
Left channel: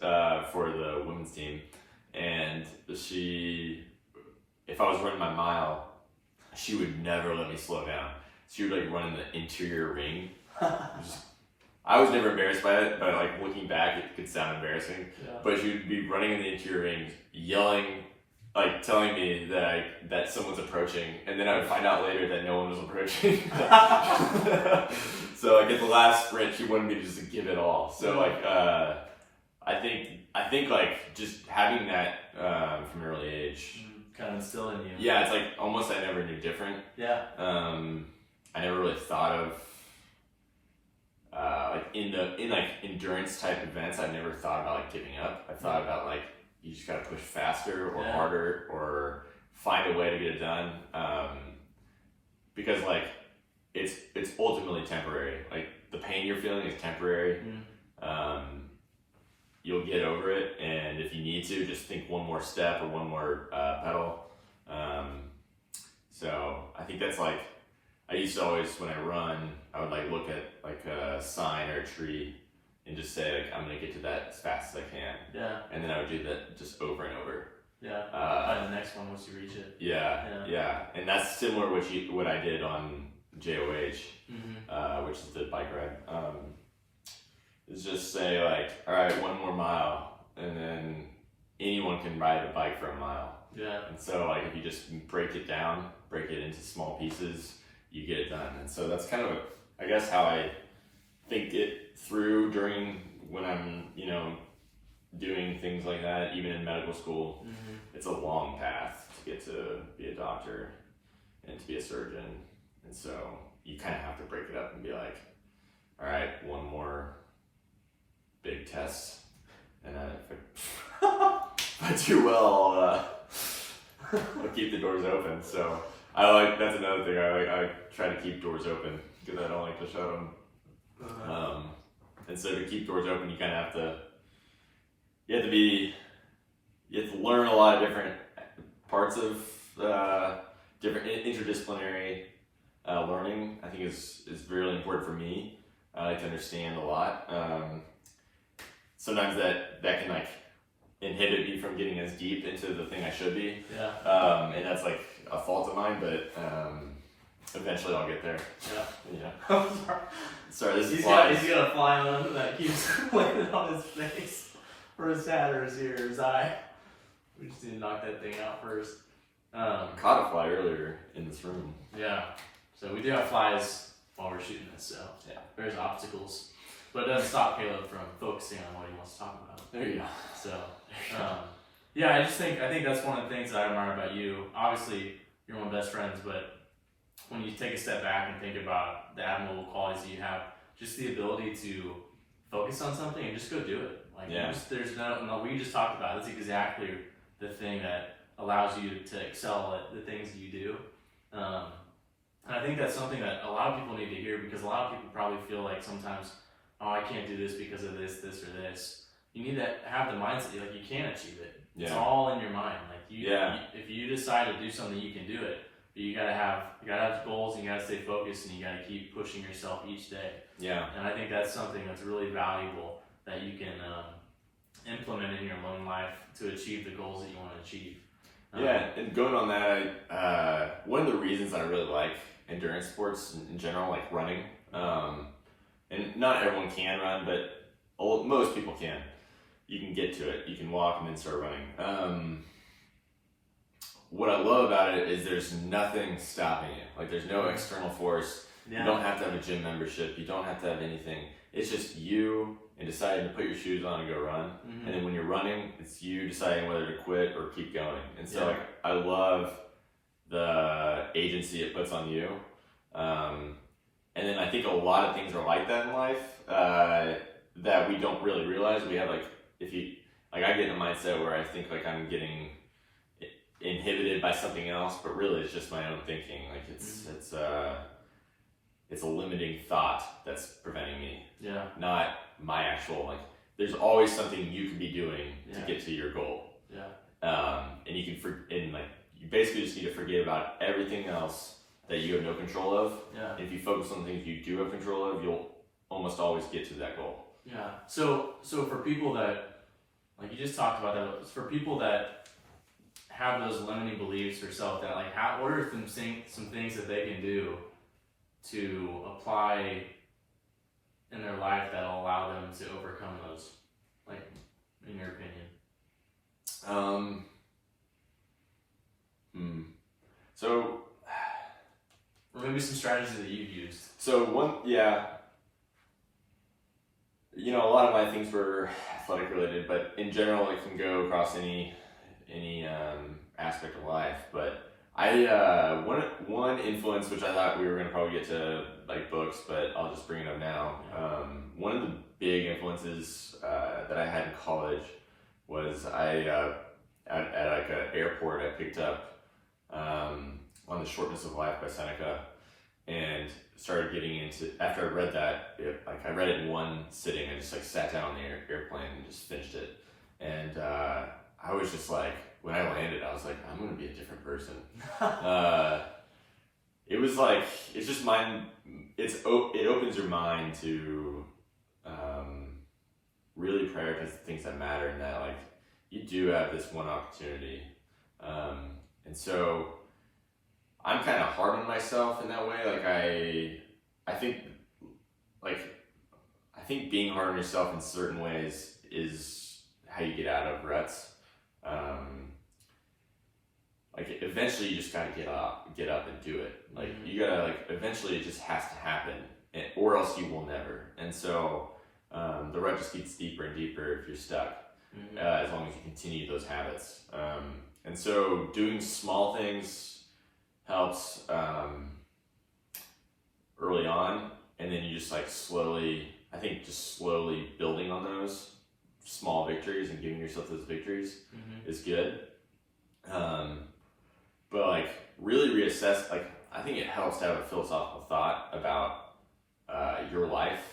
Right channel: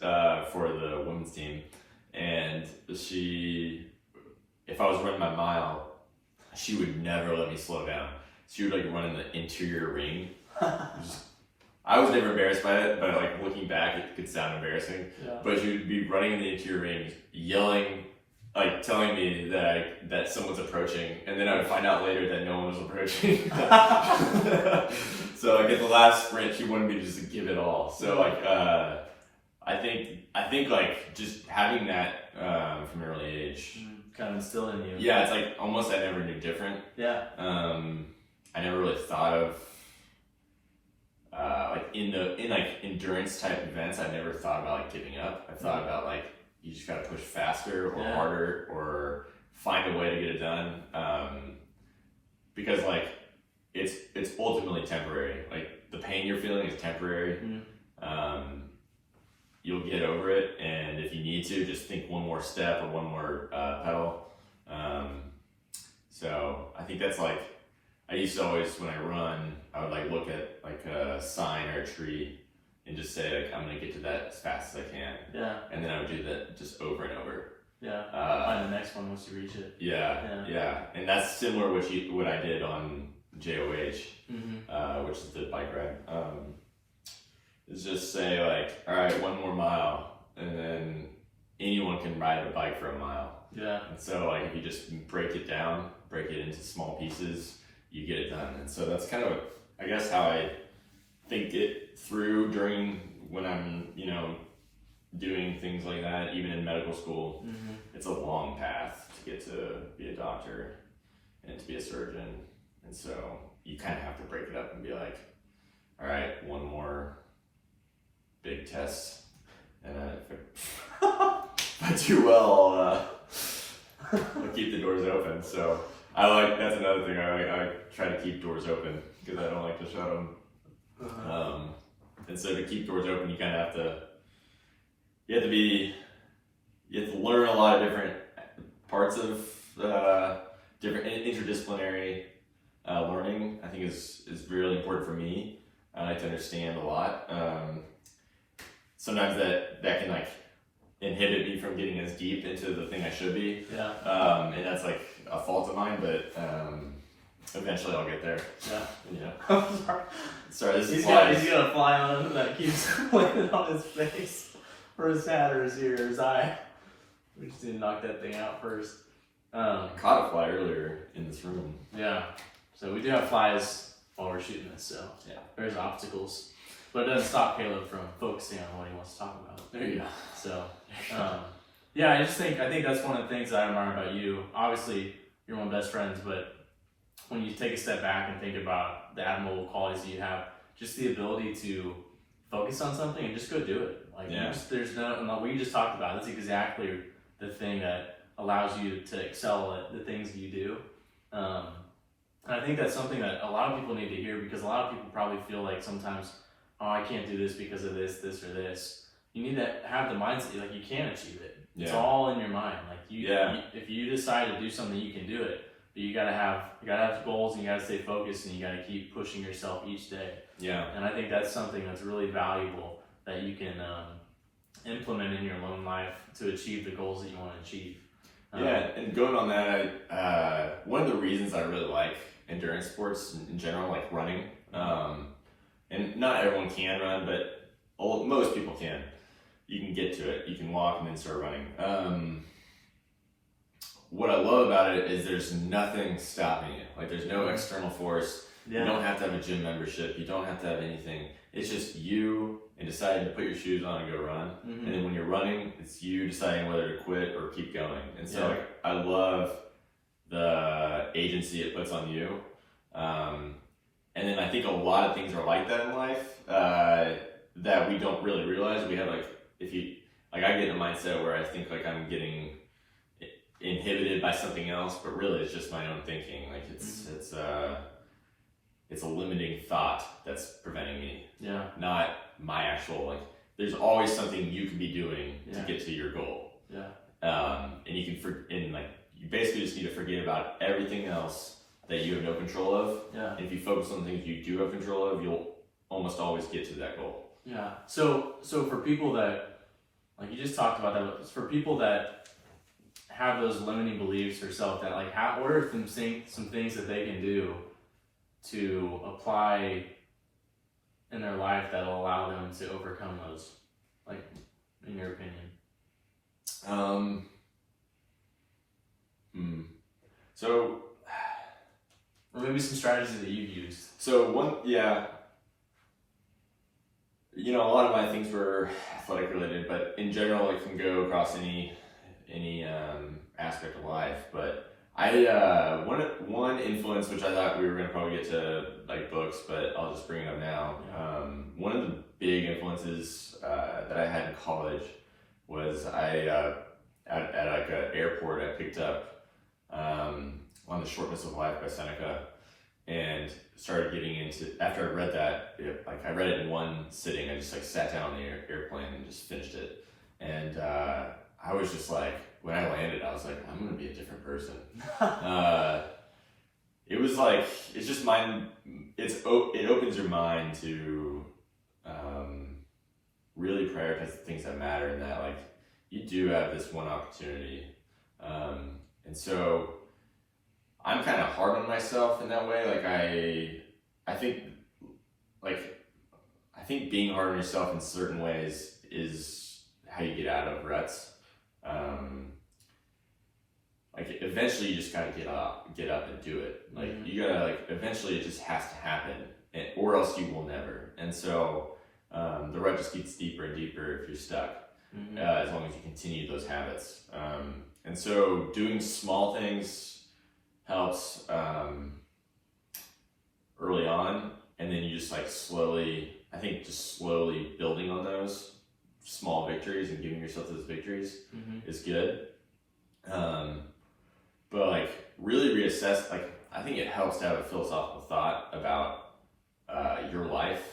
for the women's team, and if I was running my mile, she would never let me slow down. She would like run in the interior ring. I was never embarrassed by it, but like looking back, it could sound embarrassing. But she would be running in the interior ring, yelling, like telling me that someone's approaching, and then I would find out later that no one was approaching. So like at the last sprint, she wanted me to just give it all. So like I think like just having that from an early age, kind of instilled in you. Yeah, it's like almost I never knew different. Yeah. I never really thought of like in like endurance type events. I never thought about like giving up. I thought about like you just got to push faster or harder or find a way to get it done. Because like it's ultimately temporary. Like the pain you're feeling is temporary. You'll get over it, and if you need to, just think one more step or one more pedal. So I think that's like, I used to always, when I run, I would like look at like a sign or a tree and just say like, I'm gonna get to that as fast as I can. Yeah. And then I would do that just over and over. Yeah. Find the next one once you reach it. Yeah. And that's similar to what I did on JOH, which is the bike ride. Is just say like, all right, one more mile, and then anyone can ride a bike for a mile. Yeah. And so like if you just break it down, break it into small pieces, you get it done. And so that's kind of, I guess, how I think it through during when I'm, doing things like that, even in medical school. It's a long path to get to be a doctor and to be a surgeon. And so you kind of have to break it up and be like, all right, one more big test, and then if I do well, I'll keep the doors open. So that's another thing. I try to keep doors open because I don't like to shut them. And so to keep doors open, you kind of have to learn a lot of different parts of different interdisciplinary learning. I think is really important for me to understand a lot. Sometimes that can like inhibit me from getting as deep into the thing I should be. Yeah. And that's like a fault of mine, but eventually I'll get there. Yeah. I'm sorry. He's got a fly on him that keeps landing on his face, or his hat, or his ear, or his eye. We just need to knock that thing out first. Caught a fly earlier in this room. Yeah. So we do have flies while we're shooting this, so there's obstacles. But it doesn't stop Caleb from focusing on what he wants to talk about. There you go. So, I think that's one of the things that I admire about you. Obviously, you're one of my best friends, but when you take a step back and think about the admirable qualities that you have, just the ability to focus on something and just go do it. Like, there's what you just talked about. That's exactly the thing that allows you to excel at the things that you do. And I think that's something that a lot of people need to hear, because a lot of people probably feel like sometimes, oh, I can't do this because of this, or this. You need to have the mindset, like you can achieve it. It's all in your mind. Like if you decide to do something, you can do it. But you gotta have goals, and you gotta stay focused, and you gotta keep pushing yourself each day. Yeah. And I think that's something that's really valuable that you can implement in your own life to achieve the goals that you want to achieve. And going on that, one of the reasons I really like endurance sports in general, like running, and not everyone can run, but most people can. You can get to it. You can walk and then start running. What I love about it is there's nothing stopping you. Like there's no external force. You don't have to have a gym membership. You don't have to have anything. It's just you and deciding to put your shoes on and go run. And then when you're running, it's you deciding whether to quit or keep going. And so I love the agency it puts on you. And then I think a lot of things are like that in life that we don't really realize. We have I get in a mindset where I think like I'm getting inhibited by something else, but really it's just my own thinking. Like it's a limiting thought that's preventing me. Not my actual there's always something you can be doing to get to your goal. And you can you basically just need to forget about everything else that you have no control of. And if you focus on things you do have control of, you'll almost always get to that goal. So for people that, like you just talked about that, for people that have those limiting beliefs or self that what are some things that they can do to apply in their life that'll allow them to overcome those, in your opinion? So, or maybe some strategies that you've used. So a lot of my things were athletic related, but in general, it can go across any aspect of life. But one influence, which I thought we were going to probably get to like books, but I'll just bring it up now. One of the big influences that I had in college was at like an airport. I picked up On the Shortness of Life by Seneca, and started getting into, after I read that, I read it in one sitting. I just like sat down on the airplane and just finished it. And I was just like, when I landed, I was like, I'm going to be a different person. It was like, it's just it opens your mind to really prioritize the things that matter, and that like, you do have this one opportunity. And so I'm kind of hard on myself in that way. Like I think being hard on yourself in certain ways is how you get out of ruts. Like eventually you just gotta get up and do it. Like you gotta, like, eventually it just has to happen, or else you will never. And so the rut just gets deeper and deeper if you're stuck, as long as you continue those habits. And so doing small things helps early on, and then you just like slowly building on those small victories and giving yourself those victories is good. But like really reassess, like I think it helps to have a philosophical thought about your life,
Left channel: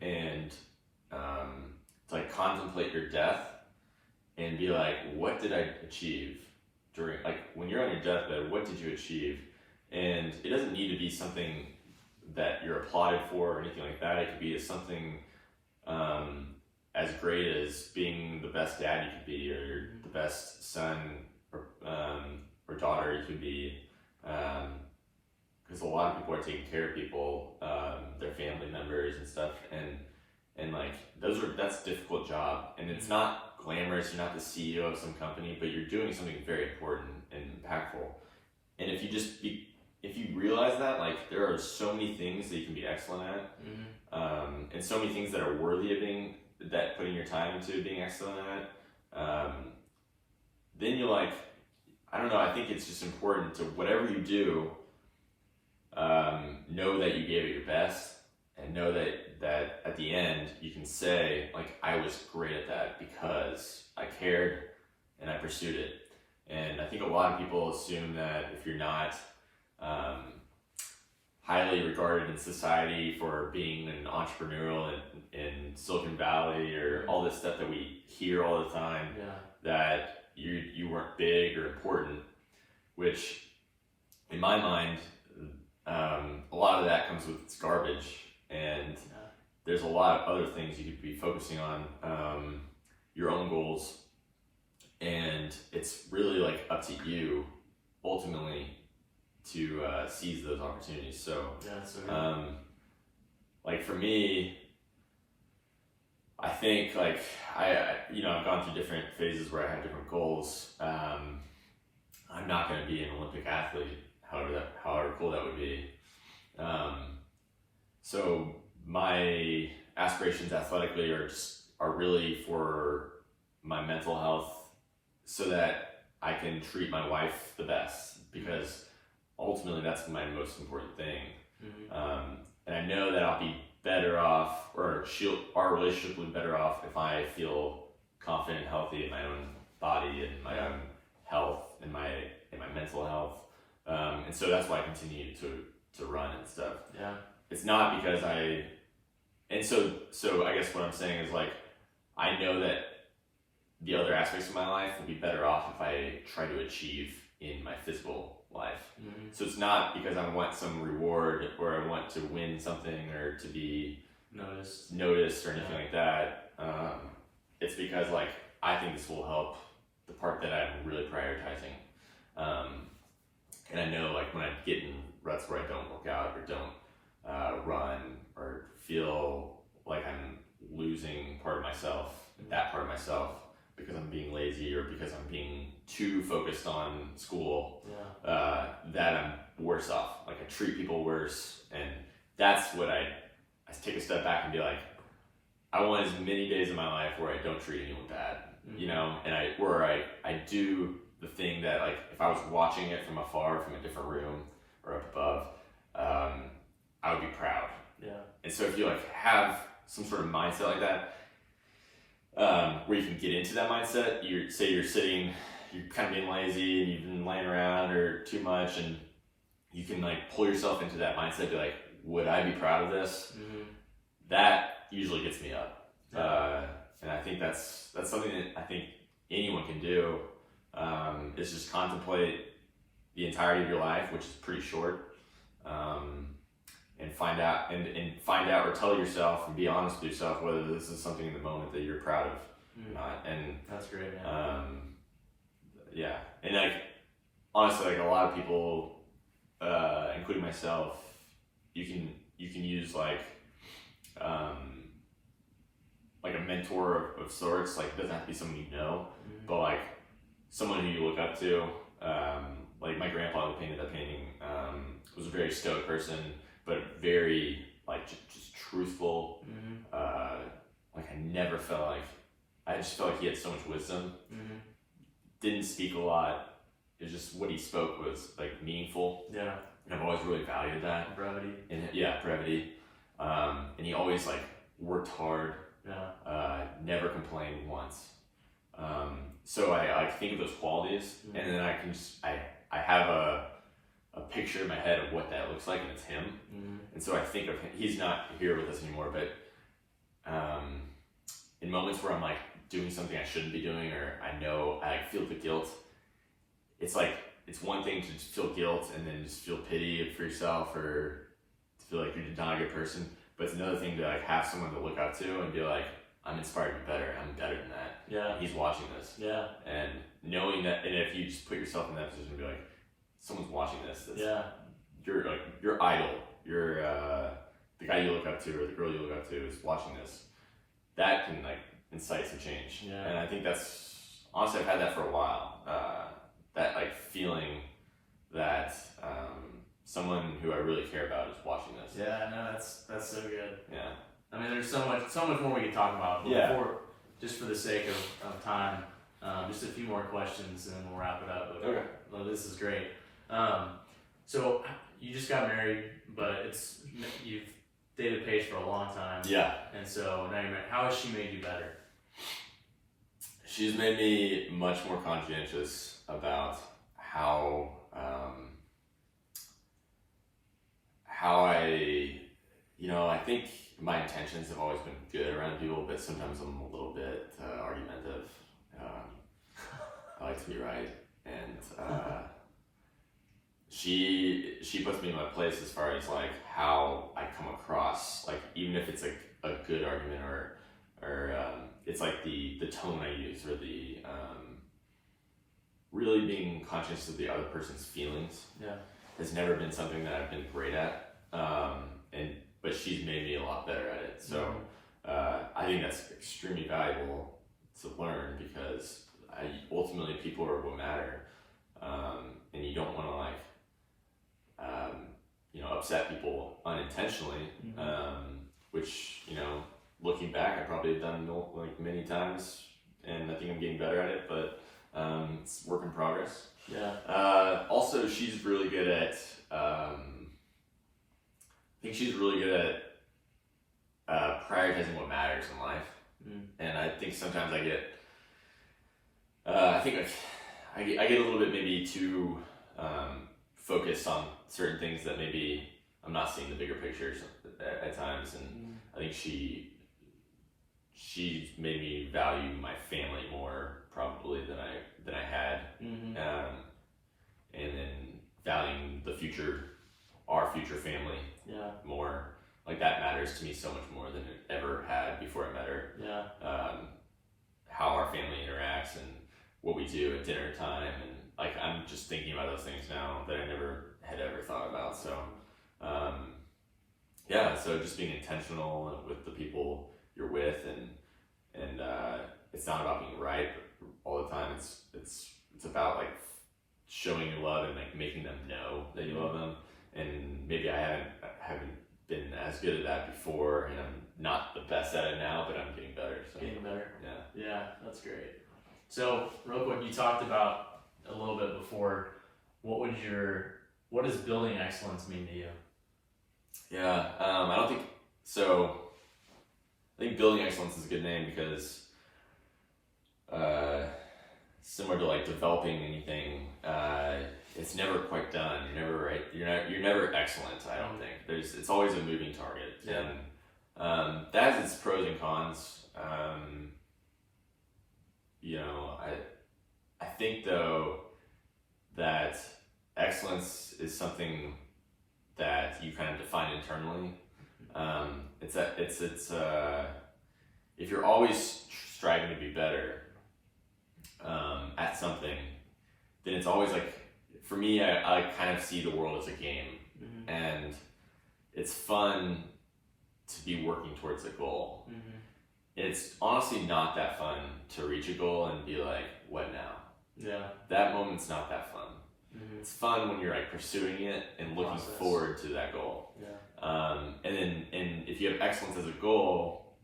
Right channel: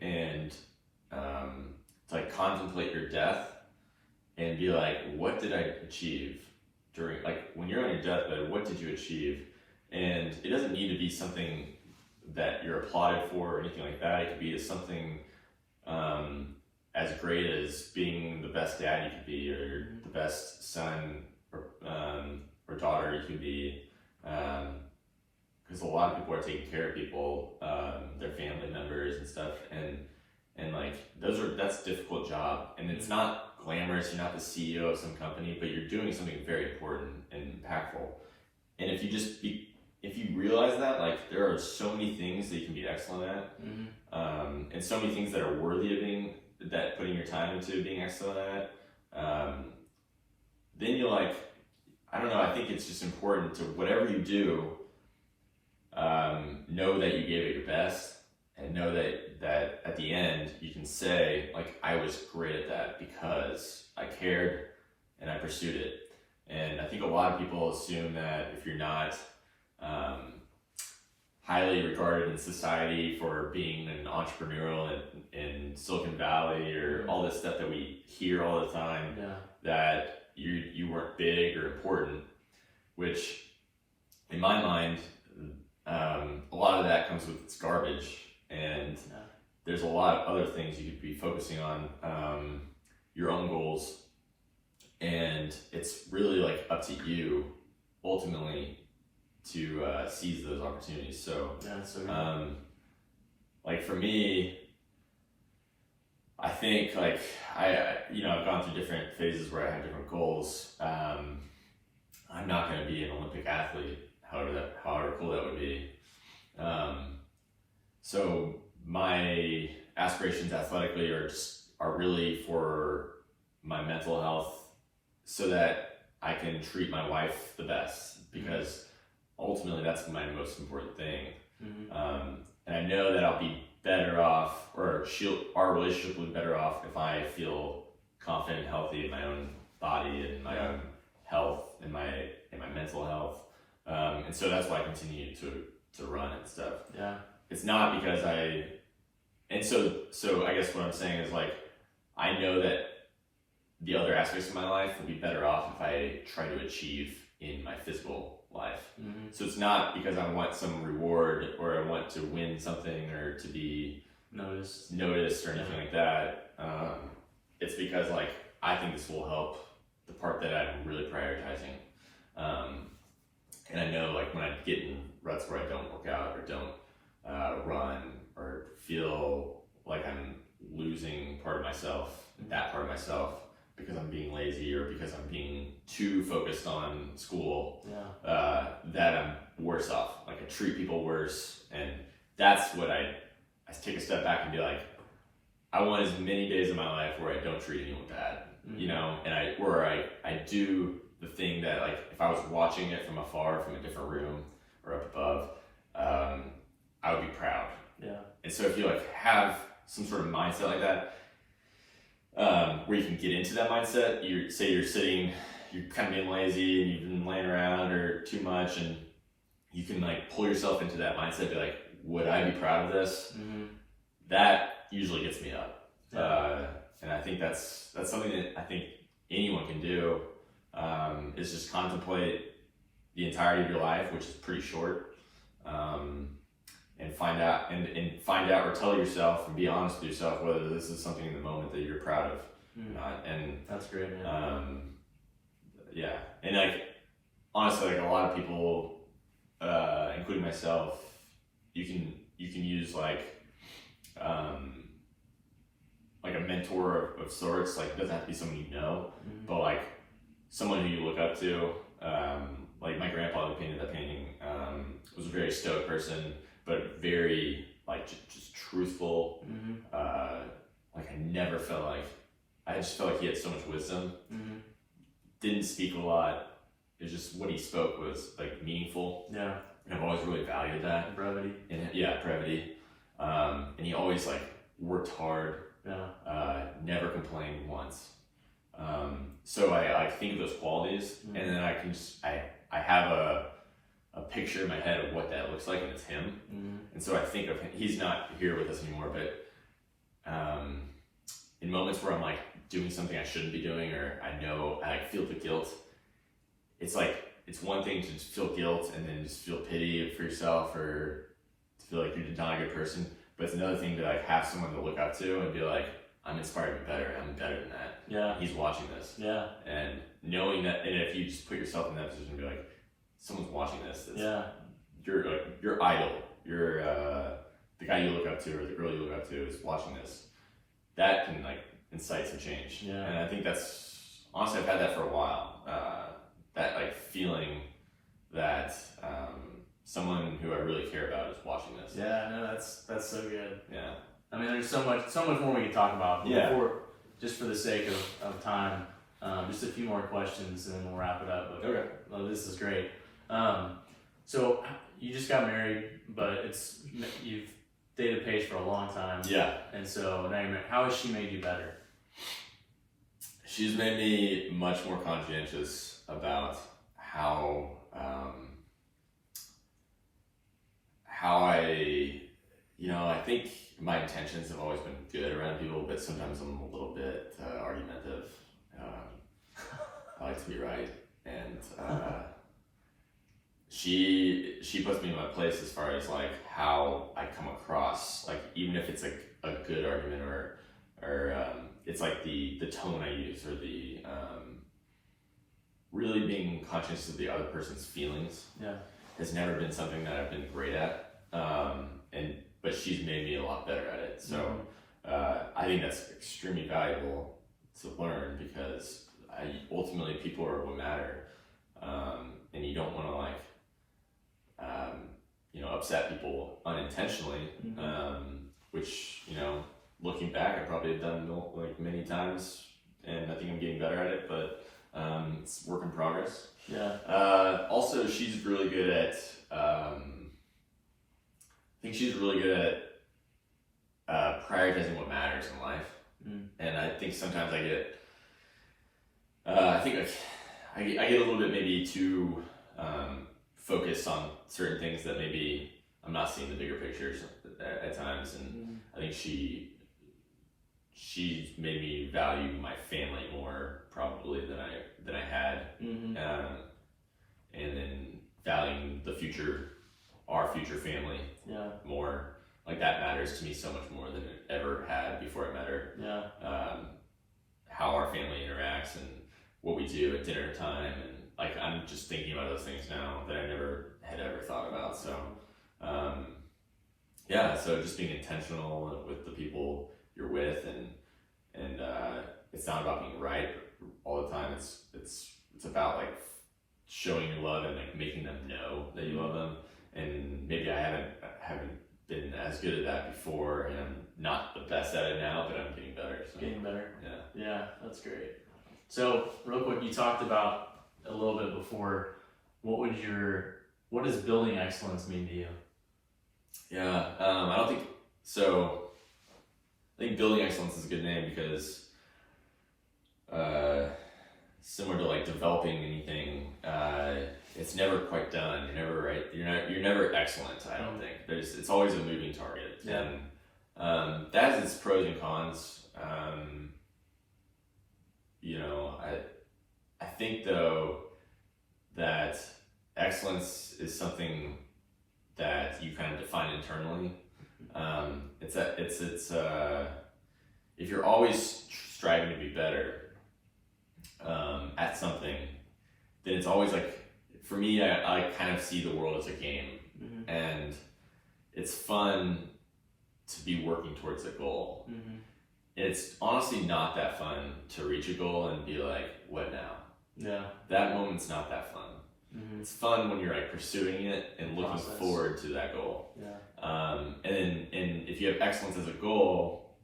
and to like contemplate your death and be like, what did I achieve during, like when you're on your deathbed, what did you achieve? And it doesn't need to be something that you're applauded for or anything like that. It could be something as great as being the best dad you could be, or the best son or daughter you could be, because a lot of people are taking care of people, their family members and stuff, and like that's a difficult job, and it's not glamorous. You're not the CEO of some company, but you're doing something very important and impactful. And if you realize that, like, there are so many things that you can be excellent at, and so many things that are worthy of putting your time into being excellent at, then you're like, I don't know, I think it's just important to, whatever you do, know that you gave it your best, and know that at the end you can say, like, I was great at that because I cared and I pursued it. And I think a lot of people assume that if you're not highly regarded in society for being an entrepreneurial in Silicon Valley, or all this stuff that we hear all the time, that you weren't big or important, which in my mind, a lot of that comes with its garbage, and there's a lot of other things you could be focusing on, your own goals, and it's really like up to you ultimately to seize those opportunities. So, like for me, I think like I've gone through different phases where I have different goals. I'm not going to be an Olympic athlete, however cool that would be. So my aspirations athletically are really for my mental health, so that I can treat my wife the best, because ultimately that's my most important thing. And I know that I'll be better off, or our relationship will be better off if I feel confident and healthy in my own body and my own health and my mental health. And so that's why I continue to run and stuff. It's not because so I guess what I'm saying is, like, I know that the other aspects of my life will be better off if I try to achieve in my physical life. So it's not because I want some reward, or I want to win something, or to be noticed or anything like that. It's because, like, I think this will help the part that I'm really prioritizing. And I know, like, when I get in ruts where I don't work out or don't run, or feel like I'm losing part of myself, that part of myself, because I'm being lazy or because I'm being too focused on school, that I'm worse off. Like, I treat people worse, and that's what I take a step back and be like, I want as many days of my life where I don't treat anyone bad, you know, and I do the thing that, like, if I was watching it from afar, from a different room or up above, I would be proud. Yeah. And so if you like have some sort of mindset like that, where you can get into that mindset, you're sitting, you're kind of being lazy and you've been laying around or too much, and you can like pull yourself into that mindset, be like, would I be proud of this? That usually gets me up. Yeah. And I think that's something that I think anyone can do, is just contemplate the entirety of your life, which is pretty short, and find out or tell yourself and be honest with yourself whether this is something in the moment that you're proud of or not. And that's great, man. yeah, and like honestly, like a lot of people, including myself, you can use like a mentor of sorts. Like, it doesn't have to be someone you know, but like someone who you look up to. Like my grandpa who painted that painting was a very stoic person, but very like just truthful. Like I just felt like he had so much wisdom. Didn't speak a lot. It's just what he spoke was like meaningful. Yeah. And I've always really valued that. Brevity. And brevity. And he always like worked hard. Yeah. Never complained once. So I like think of those qualities, and then I can just I have a picture in my head of what that looks like, and it's him. And so I think of him. He's not here with us anymore, but in moments where I'm like doing something I shouldn't be doing, or I know I feel the guilt, it's like it's one thing to just feel guilt and then just feel pity for yourself, or to feel like you're not a good person. But it's another thing to like have someone to look up to and be like, I'm inspired to be better. I'm better than that. Yeah. He's watching this. Yeah. And knowing that, and if you just put yourself in that position and be like, someone's watching this. Yeah. You're like your idol. You're the guy you look up to or the girl you look up to is watching this. That can like incite some change. Yeah. And I think that's honestly I've had that for a while. That like feeling that someone who I really care about is watching this. Yeah, no, that's so good. Yeah. I mean, there's so much more we can talk about. But before, just for the sake of time, just a few more questions and then we'll wrap it up. But, Okay. well, this is great. So you just got married, but you've dated Paige for a long time. Yeah. And so now you're married. How has she made you better? She's made me much more conscientious about how I think my intentions have always been good around people, but sometimes I'm a little bit argumentative. I like to be right, and she puts me in my place as far as like how I come across, like even if it's like a good argument or it's like the tone I use, or the really being conscious of the other person's feelings. Yeah. Has never been something that I've been great at, but she's made me a lot better at it. So I think that's extremely valuable to learn, because ultimately people are what matter, and you don't want to like upset people unintentionally, which looking back I probably have done like many times, and I think I'm getting better at it, but it's work in progress. Yeah. Also, she's really good at. I think she's really good at prioritizing what matters in life, and I think sometimes I get. I think I get a little bit maybe too focused on certain things that maybe I'm not seeing the bigger pictures at times, and I think she made me value my family more probably than I had, and then valuing our future family more. Like that matters to me so much more than it ever had before I met her. Yeah. How our family interacts and what we do at dinner time, and like I'm just thinking about those things now that I never had ever thought about. So so just being intentional with the people you're with, and it's not about being right all the time. It's about like showing your love and like making them know that you love them. And maybe I haven't been as good at that before, and I'm not the best at it now, but I'm getting better. So. Getting better. Yeah. Yeah, that's great. So real quick, you talked about a little bit before. What does building excellence mean to you? Yeah, I don't think so. I think building excellence is a good name because similar to like developing anything, it's never quite done. You're never right. You're never excellent. I don't think it's always a moving target. Yeah. And that has its pros and cons. I think though that excellence is something that you kind of define internally. If you're always striving to be better at something, then it's always like, for me, I kind of see the world as a game, and it's fun to be working towards a goal. It's honestly not that fun to reach a goal and be like, what now? Yeah. That moment's not that fun. It's fun when you're like pursuing it and looking forward to that goal. Yeah. And if you have excellence as a goal,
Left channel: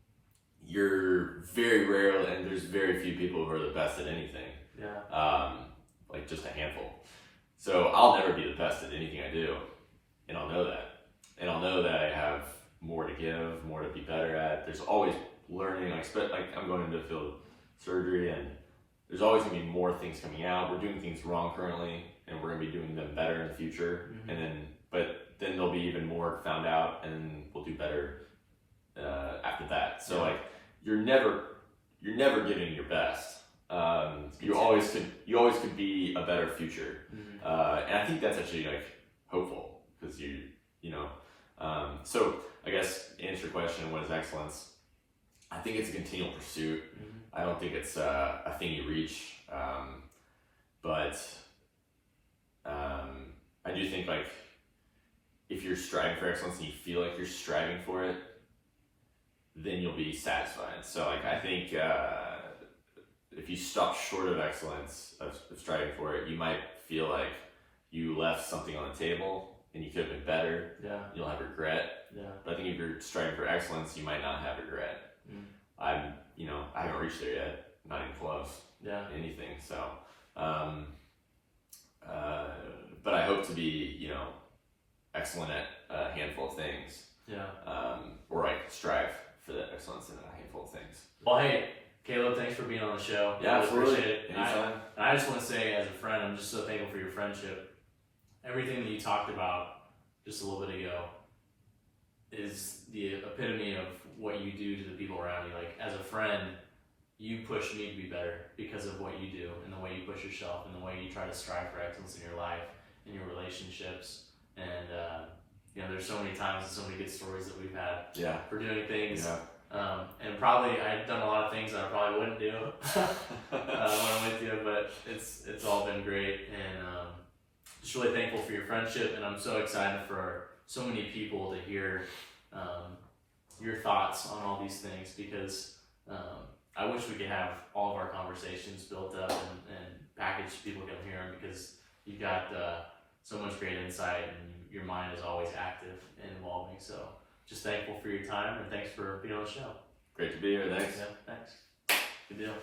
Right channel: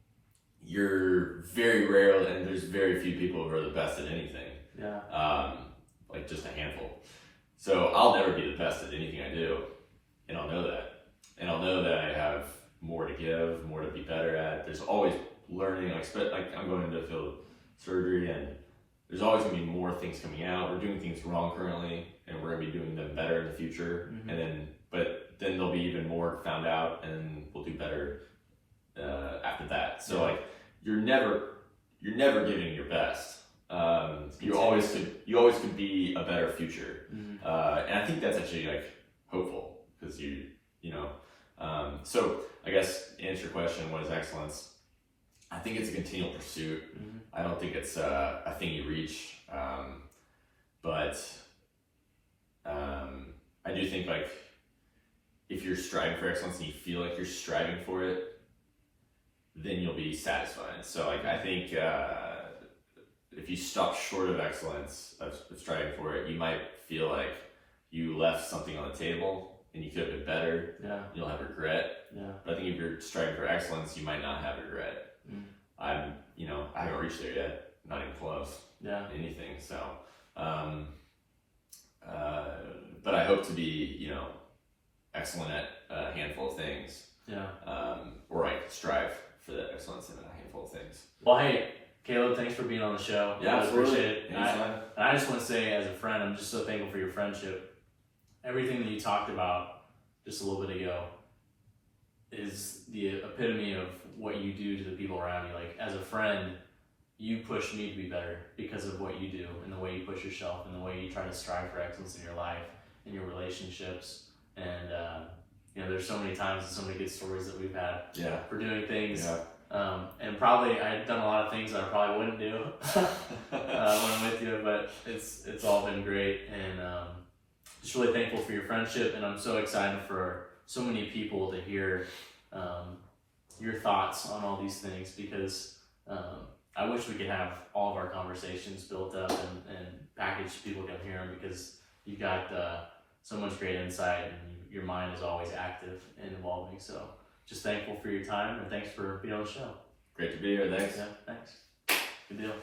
you're very rare, and there's very few people who are the best at anything. Yeah. Like just a handful. So I'll never be the best at anything I do, and I'll know that. And I'll know that I have more to give, more to be better at. There's always learning. Like I'm going into the field of surgery, and there's always going to be more things coming out. We're doing things wrong currently, and we're going to be doing them better in the future. But then there'll be even more found out, and we'll do better after that. So like you're never giving your best. You always could be a better future, and I think that's actually like hopeful because so I guess to answer your question, what is excellence? I think it's a continual pursuit. I don't think it's a thing you reach, but I do think like if you're striving for excellence and you feel like you're striving for it, then you'll be satisfied. So like I think if you stop short of excellence, of striving for it, you might feel like you left something on the table and you could have been better. Yeah. You'll have regret. Yeah. But I think if you're striving for excellence, you might not have regret. I haven't reached there yet, not even close. Yeah. Anything. So, but I hope to be, excellent at a handful of things. Yeah. Or like strive for that excellence in a handful of things. Well, hey, Caleb, thanks for being on the show. Yeah, I absolutely. appreciate it. And I just want to say, as a friend, I'm just so thankful for your friendship. Everything that you talked about just a little bit ago is the epitome of what you do to the people around you. Like, as a friend, you push me to be better because of what you do and the way you push yourself and the way you try to strive for excellence in your life and your relationships. And, there's so many times and so many good stories that we've had for doing things. Yeah. And probably I've done a lot of things that I probably wouldn't do when I'm with you, but it's all been great, and just really thankful for your friendship, and I'm so excited for so many people to hear your thoughts on all these things, because I wish we could have all of our conversations built up and packaged so people can hear them, because you've got so much great insight and your mind is always active and evolving. So just thankful for your time, and thanks for being on the show. Great to be here. Thanks. Yeah, thanks. Good deal.